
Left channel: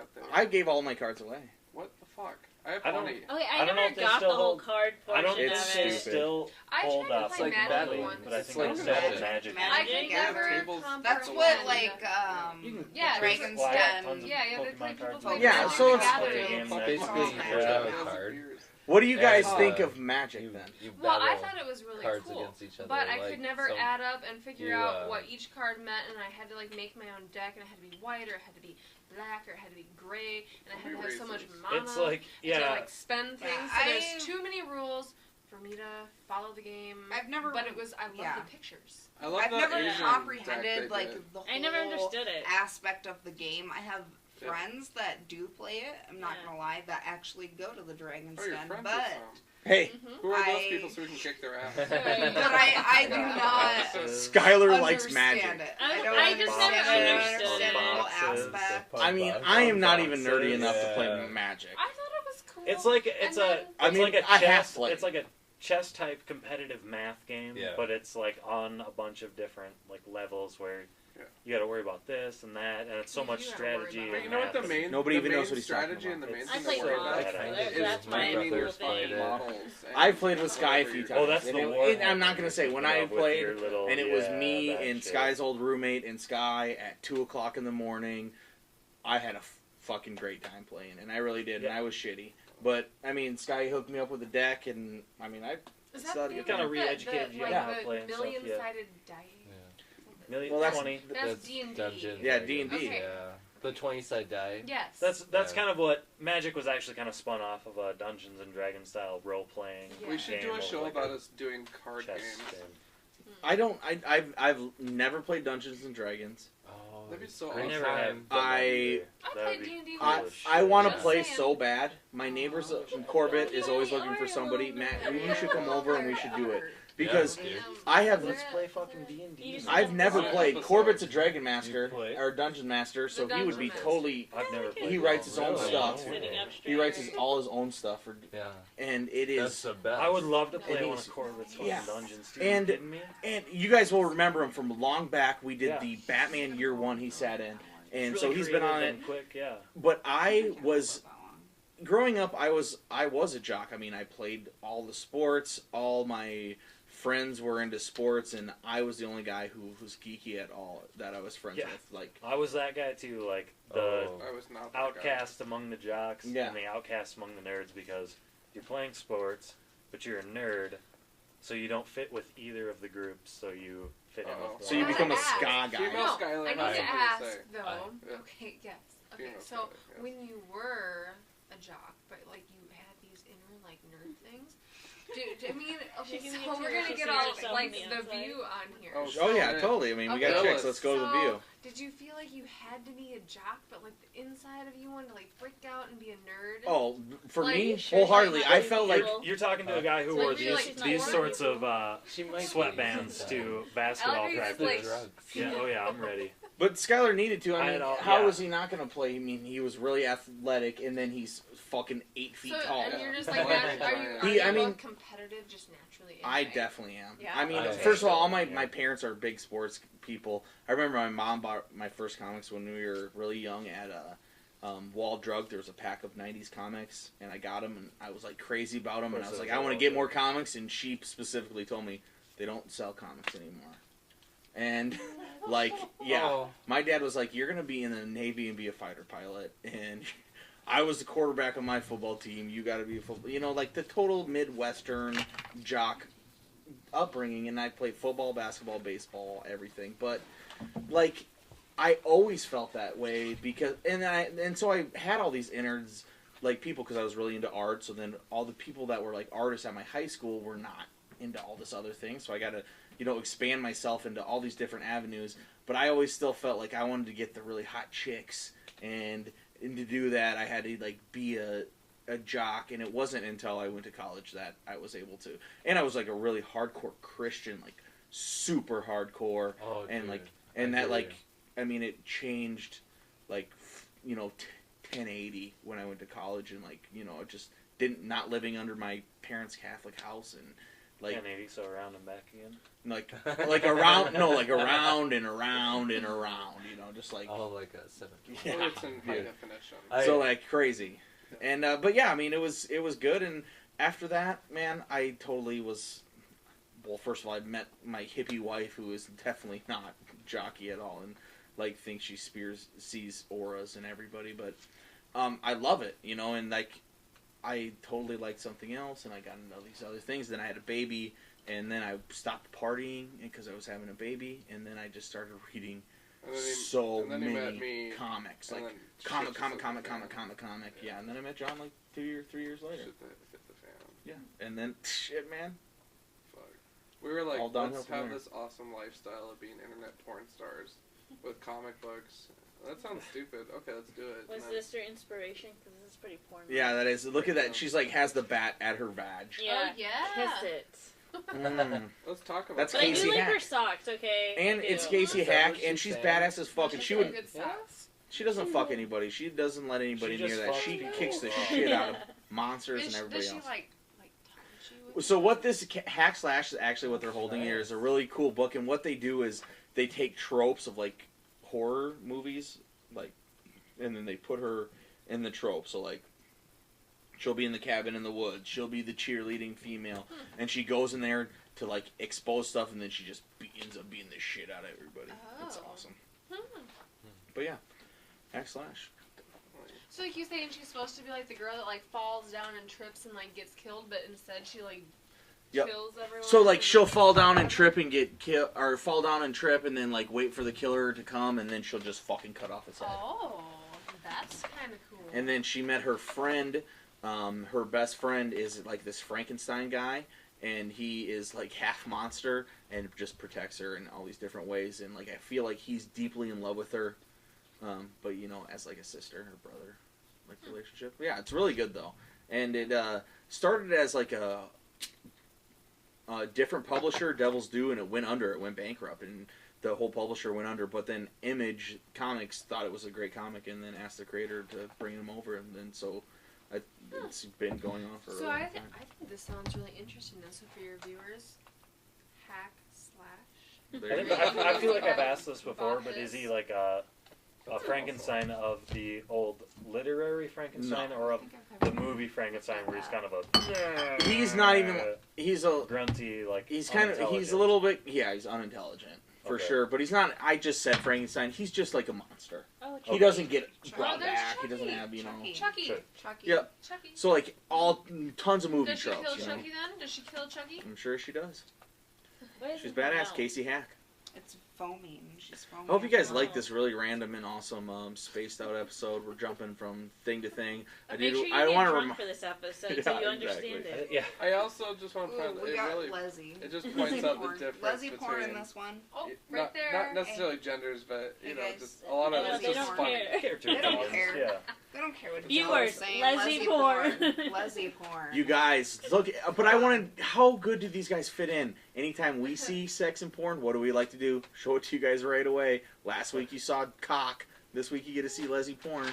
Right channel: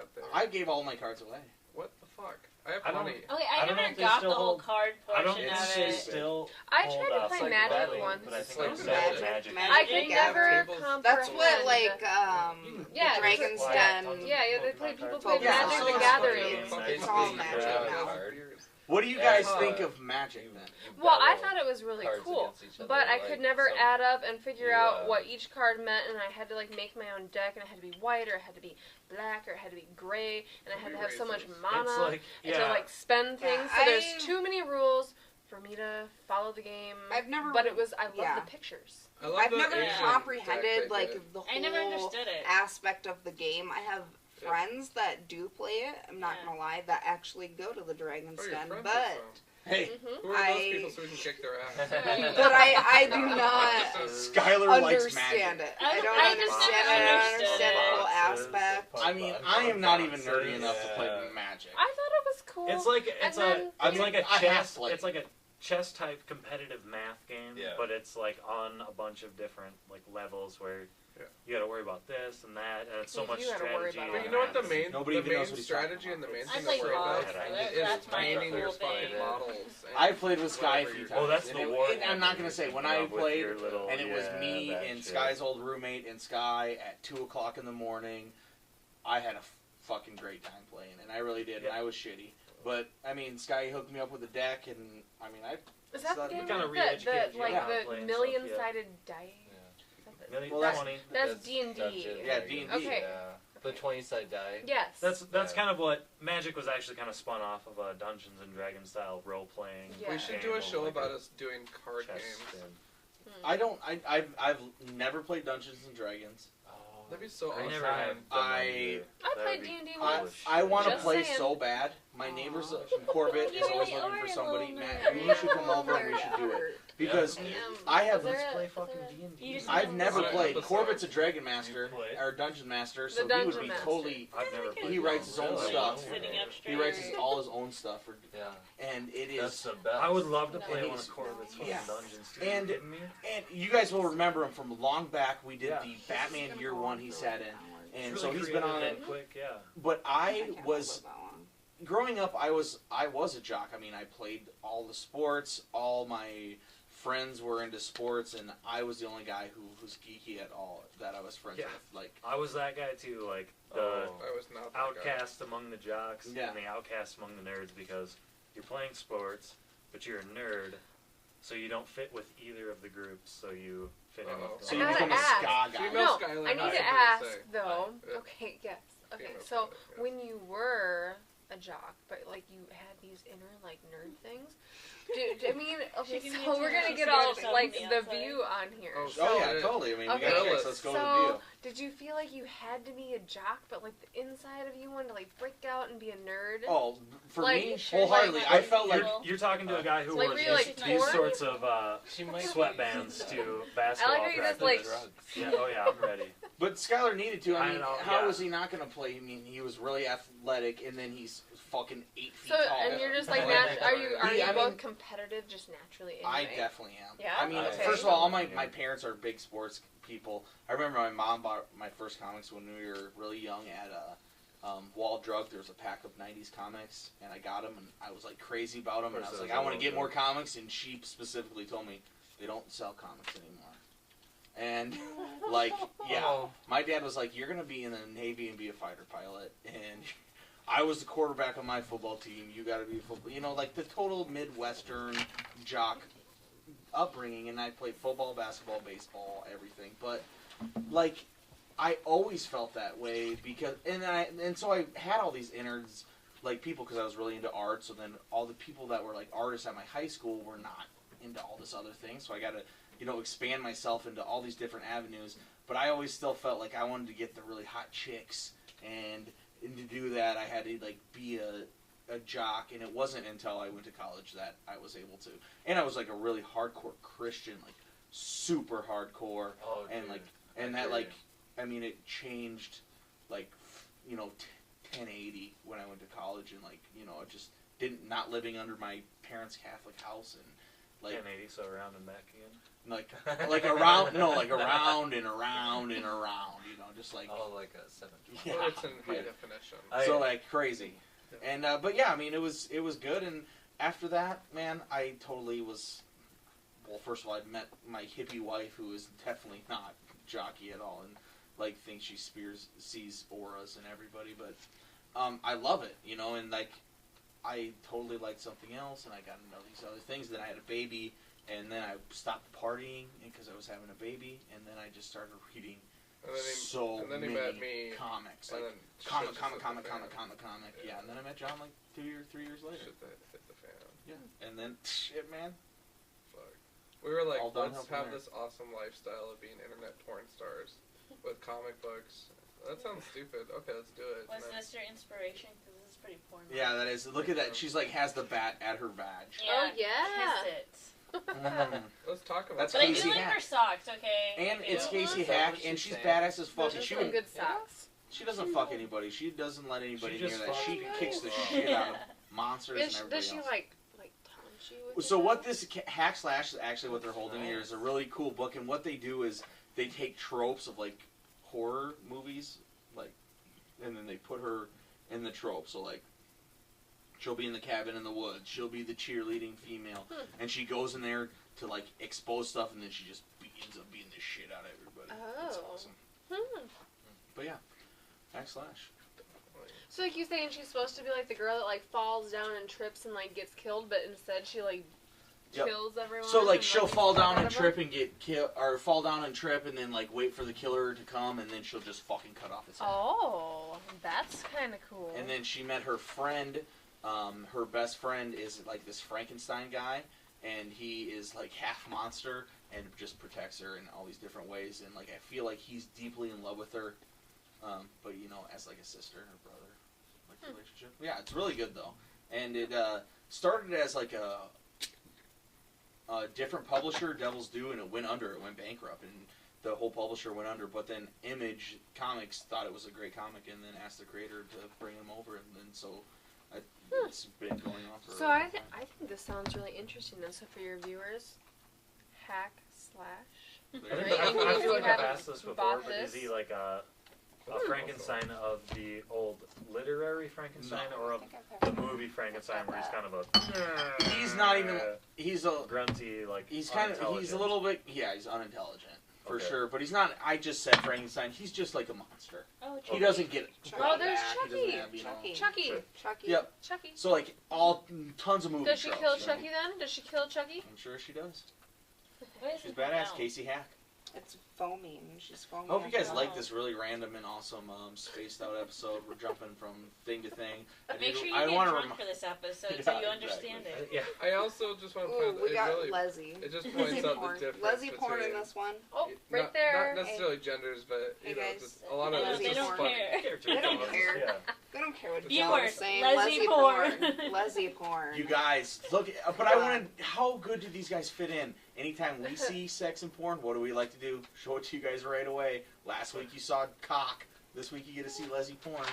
At the. I gave all my cards away. What the fuck? I have I don't- plenty. Okay, I I don't know never if they got still the whole hold- card I don't portion think of they it. still I hold tried to up play like Magic that, once. but I think It's it's like still Magic. Magic. I could Magic, never tables. comprehend. That's what like Yeah, the Dragon's Well, Den. Yeah, they play people play Yeah, Magic so the it's- Gathering. Fucking It's all beers. Magic Yeah. now. Those beers. What do you guys Yeah. think of Magic then? Well, I thought it was really cards cool, against each other, but I like, could never so add up and figure you, out what each card meant, and I had to like make my own deck, and it had to be white, or it had to be black, or it had to be gray, and I had to have so much mana It's like and to yeah. like spend Yeah, things. So there's I- too many rules for me to follow the game. I've never. But it was I love yeah. the pictures. I love I've the never Asian deck comprehended they like did. the whole I never understood it. aspect of the game. I have Yeah. friends that do play it. I'm not Yeah. gonna lie, that actually go to the Dragon's Oh, your Den, friends but are from. Hey, Mm-hmm. Who are those I- people so we can kick their ass? but I do not Skylar likes understand Magic. it. I don't I just understand never it. I don't understood understand the it. whole aspect. I mean, I am not even nerdy enough to play Yeah. Magic. I thought it was cool. It's like And then- I it's mean, like a I have chess. played. It's like a chess type competitive math game, Yeah. but it's like on a bunch of different like levels where Yeah. you got to worry about this and that, and it's so You much do gotta worry strategy. about and But you know what the math. main Nobody the even main knows what he's talking strategy and the about. main I thing play to worry about Pog. That's That's my finding cool your thing. models. I played with Sky a whatever few you're times. Oh, that's and the it- war. I'm not gonna say when I With played, your little- and it was yeah, me that and shit. Sky's old roommate and Sky at 2:00 in the morning. I had a fucking great time playing, and I really did, and Yeah. I was shitty. But I mean, Sky hooked me up with a deck, and I mean, Is that So the you game kinda with re-educated the you like on how to the play and million-sided die? Million, Well, that's- 20. That's D&D. Dungeons Yeah, and D&D. Dragons, Okay. Yeah. The 20-side die. Yes. That's Yeah. kind of what Magic was actually kind of spun off of a Dungeons and Dragons style role playing. Yeah. We should do a show about us doing card chess games. game. I don't. I've never played Dungeons and Dragons. Oh, That'd be so I awesome. never have. done I- that I either. played That would be D&D cool I once. as I shit. want to Just play saying. so bad. My neighbors, Aw. Corbett, is You always are looking for a somebody. little Matt, nerd. you should come over and we should do it because Um, I have. is there Let's play a- fucking is there a- D&D. You just I've never Yeah. played. Episode. Corbett's a Dragon Master You play? or Dungeon Master, so The he would Dungeon be Master. totally. I've never played. He writes his own Really? stuff. Sitting up He writes straight. all his own stuff, Yeah. and it That's is. the best. I would love to No. play And one he's- of Corbett's yeah. dungeons too. And- You kidding me? And you guys will remember him from long back. We did Yeah. the Batman Year One. He sat in, and It's so really he's been creative on it. and quick, yeah. But I can't was live that long. growing up. I was a jock. I mean, I played all the sports. All my friends were into sports, and I was the only guy who was geeky at all that I was friends Yeah. with. Like, I was that guy too, like the Oh. I was not that outcast among the jocks Yeah. and the outcast among the nerds because you're playing sports, but you're a nerd, so you don't fit with either of the groups, so you fit in Uh-oh. with the so you I become a gotta ska ask. guy. Female No, Skylar, I need I to was gonna ask say. though. Yeah. Okay, yes. Okay, Female so Skylar, yeah. when you were a jock, but like you had these inner like nerd things. I mean, okay, She can so we're gonna see get all herself like on the the outside. view on here. Oh, Oh yeah, So- totally. I mean, we Okay. got chicks. Let's go to the So, view. did you feel like you had to be a jock, but like the inside of you wanted to like break out and be a nerd? Oh, for Like, me, sure, wholeheartedly, like, I felt like. Well, You're talking to a guy who Like, wore were you, these, like, these torn? sorts of She might sweatbands be. to basketball how you just, practice. like- Yeah, oh yeah, I'm ready. But Skylar needed to. I I mean, know, how yeah. was he not going to play? I mean, he was really athletic, and then he's fucking 8 feet So, tall. and you're just like, Yeah. are you He- I both mean- competitive, just naturally? I anyway? definitely am. Yeah? I mean, Okay. first of all my parents are big sports people. I remember my mom bought my first comics when we were really young at Wall Drug. There was a pack of 90s comics, and I got them, and I was like crazy about them, and I was like, I want to get more comics, and she specifically told me they don't sell comics anymore. And, like, yeah, Oh, my dad was like, you're going to be in the Navy and be a fighter pilot, and I was the quarterback of my football team, you got to be a football, you know, like the total Midwestern jock upbringing, and I played football, basketball, baseball, everything, but, like, I always felt that way, because, and so I had all these innards like people because I was really into art. So then all the people that were like artists at my high school were not into all this other thing. So I got to, you know, expand myself into all these different avenues. But I always still felt like I wanted to get the really hot chicks, and to do that I had to like be a jock. And it wasn't until I went to college that I was able to. And I was like a really hardcore Christian, like super hardcore, Oh, and dude. like and I that hear like you. I mean it changed like you know 1080 when I went to college, and like you know it just didn't not living under my parents' Catholic house and like 1080, so around and back again. like around no like around and around and around, you know, just like Oh, like a 720. yeah, Well, it's in high yeah. definition. So like crazy. And but yeah, I mean it was good. And after that, man, I totally was. Well, first of all, I met my hippie wife, who is definitely not jockey at all, and like thinks she sees auras in everybody. But I love it, you know. And like I totally liked something else, and I got into these other things. Then I had a baby, and then I stopped partying because I was having a baby, and then I just started reading And then he, so and then he many met me. comics, and like then comic, shit comic, just comic, hit the comic, fan. comic. Yeah, and then I met John like 3 years later. Hit the fan. Yeah, and then shit, man. Fuck. We were like, All downhill let's from have there. this awesome lifestyle of being internet porn stars with comic books. That sounds stupid. Okay, let's do it. Was And then- this your inspiration? Because this is pretty porn. Yeah, that is. Look at that. She's like has the bat at her vag. Oh yeah. Kiss it. Mm. Let's talk about That's But I Casey do like Hack. her socks, okay? And I it's do. Casey Is that Hack, what and she's she's saying? badass as fuck. And she Some would. good socks. She doesn't fuck anybody. She doesn't let anybody She near just that. fucks She you. kicks the shit out of monsters and everybody Does she else. like taunt you with So it? what this Hack Slash is actually what they're holding here is a really cool book, and what they do is they take tropes of like horror movies, like, and then they put her in the trope. So like, she'll be in the cabin in the woods. She'll be the cheerleading female, and she goes in there to like expose stuff, and then she just ends up beating the shit out of everybody. It's Oh. awesome. Hmm. But yeah, Hack Slash. So like you saying she's supposed to be like the girl that like falls down and trips and like gets killed, but instead she like Yep. kills everyone. So like and, she'll fall down and whatever? trip and get killed, or fall down and trip and then like wait for the killer to come, and then she'll just fucking cut off his head. Oh, that's kind of cool. And then she met her friend. Her best friend is like this Frankenstein guy, and he is like half monster and just protects her in all these different ways. And like I feel like he's deeply in love with her, but you know, as like a sister or brother like relationship. Yeah, it's really good though, and it started as like a different publisher, Devil's Due, and it went under. It went bankrupt, and the whole publisher went under. But then Image Comics thought it was a great comic, and then asked the creator to bring him over, and then so it's been going on for. So a I long think time. this sounds really interesting. Then, so for your viewers, Hack Slash. There you I, go. I feel like I've Haven't asked this before, bought but is this? he like a Frankenstein of the old literary Frankenstein, No. or of the movie Frankenstein, where he's kind of a He's not even. He's a. grunty, like He's kind of. He's a unintelligent. little bit. Yeah, he's unintelligent for Okay. sure. But he's not. I just said Frankenstein. He's just like a monster. Oh, He doesn't get. Chucky. brought Oh, there's back. He doesn't Chucky. have, you know. Chucky. Chucky. Sure. Chucky. Yep. Chucky. So like all tons of movie Does she tropes, kill you know? Chucky then? Does she kill Chucky? I'm sure she does. What is She's it called badass, now? Casey Hack. It's foaming. She's foaming. I hope you guys up. like this really random and awesome spaced out episode. We're jumping from thing to thing. Make sure you I get wanna drunk rem- for this episode Yeah, so you exactly. understand it. Yeah. I also just want to Ooh, point out we it got really Leslie. it just points out the porn. difference Leslie porn in between this one. Oh, it- right not, there. Not necessarily genders, but Hey, you know, guys. just a lot of Yeah, it's they just don't funny. care. Character They don't development, care. Yeah. They don't care what Viewers, y'all are saying. Leslie porn. Leslie porn. You guys, look, but I wanted, how good do these guys fit in? Anytime we see sex and porn, what do we like to do? Show it to you guys right away. Last week you saw cock. This week you get to see Leslie porn.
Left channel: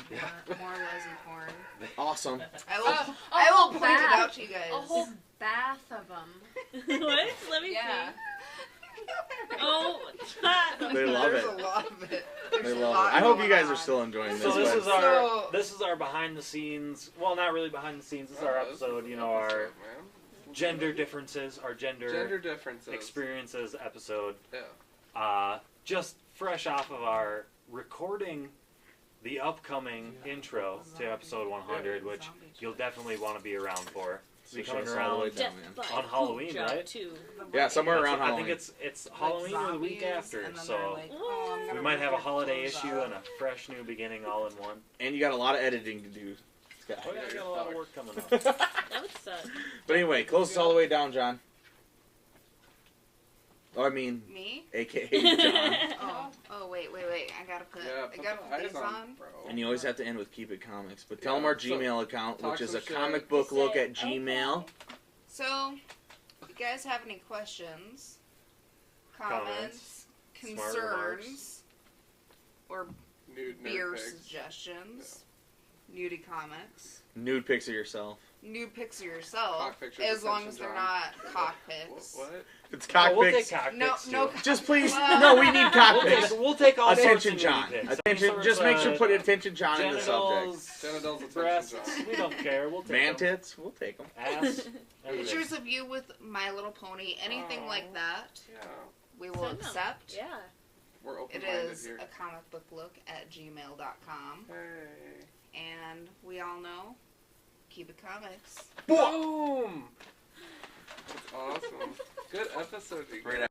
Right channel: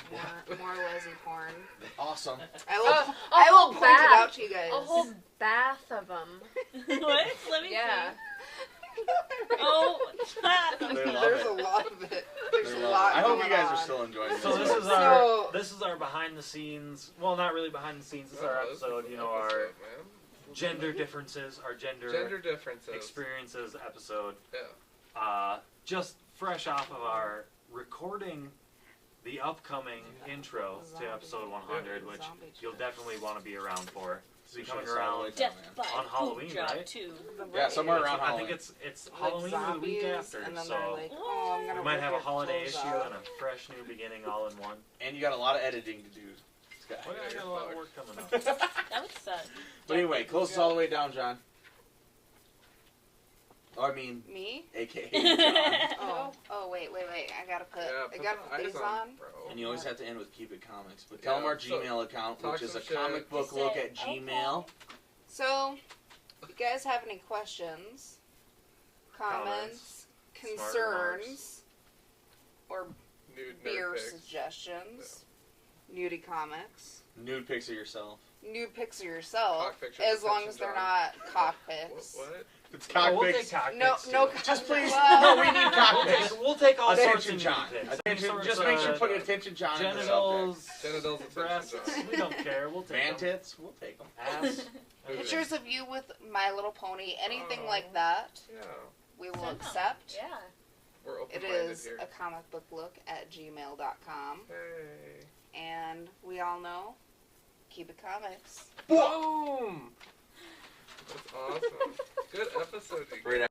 More Leslie porn. Awesome. I will. A I will whole point bath. it out to you guys. A whole bath of them. What? Let me Yeah. see. Oh, They love There's it. a lot of it. There's They a love lot. it. I hope you going guys are on. still enjoying this. So this one. is So- our behind the scenes. Well, not really behind the scenes. This is our Oh, this is episode. an You know, our episode, man. gender differences, our Gender differences. experiences episode. Yeah. Just fresh off of our recording the upcoming intro to episode 100, which Zombie you'll definitely want to be around for. So coming show us all the way around down, Death man. by On Halloween, Poop Job right? 2. Yeah, somewhere around I Halloween. think it's Like Halloween or the week zombies, after, and then so they're like, oh, I'm gonna we might rip have a your holiday clothes issue off. and a fresh new beginning all in one. And you got a lot of editing to do. guy. Well, yeah, I got a lot of work coming up. That would suck. But anyway, close all the way down, John. Oh, I mean, Me? AKA John. Oh, wait. I gotta put, eyes these on. bro. And you always have to end with Keep It Comics. But tell them our so Gmail account, talk which is some a shit. comic book look at Gmail. So, if you guys have any questions, comments, Smart concerns, or Nude beer pics. suggestions, nudie comics, Nude pics of yourself. nude pics of yourself, Cock pictures as of long Section as they're John. not cock pics. What? It's Oh, cock we'll pics. take cock No, pics, no. too. Just please, no, we need cock pics. We'll take all Attention, sorts of John. nude pics. Attention. Any Just sorts make of sure to put attention, John, in the subject. Genitals, breasts. attention, John. We don't care. We'll take Man them. tits, we'll take them. Ass. everything. Pictures of you with My Little Pony, anything Oh. like that, Yeah, we will Send them. accept. Yeah. we're It open-minded is here. a comic book look at gmail.com. Hey. And we all know, keep it comics. Boom! That's awesome. Good episode, you Great guys.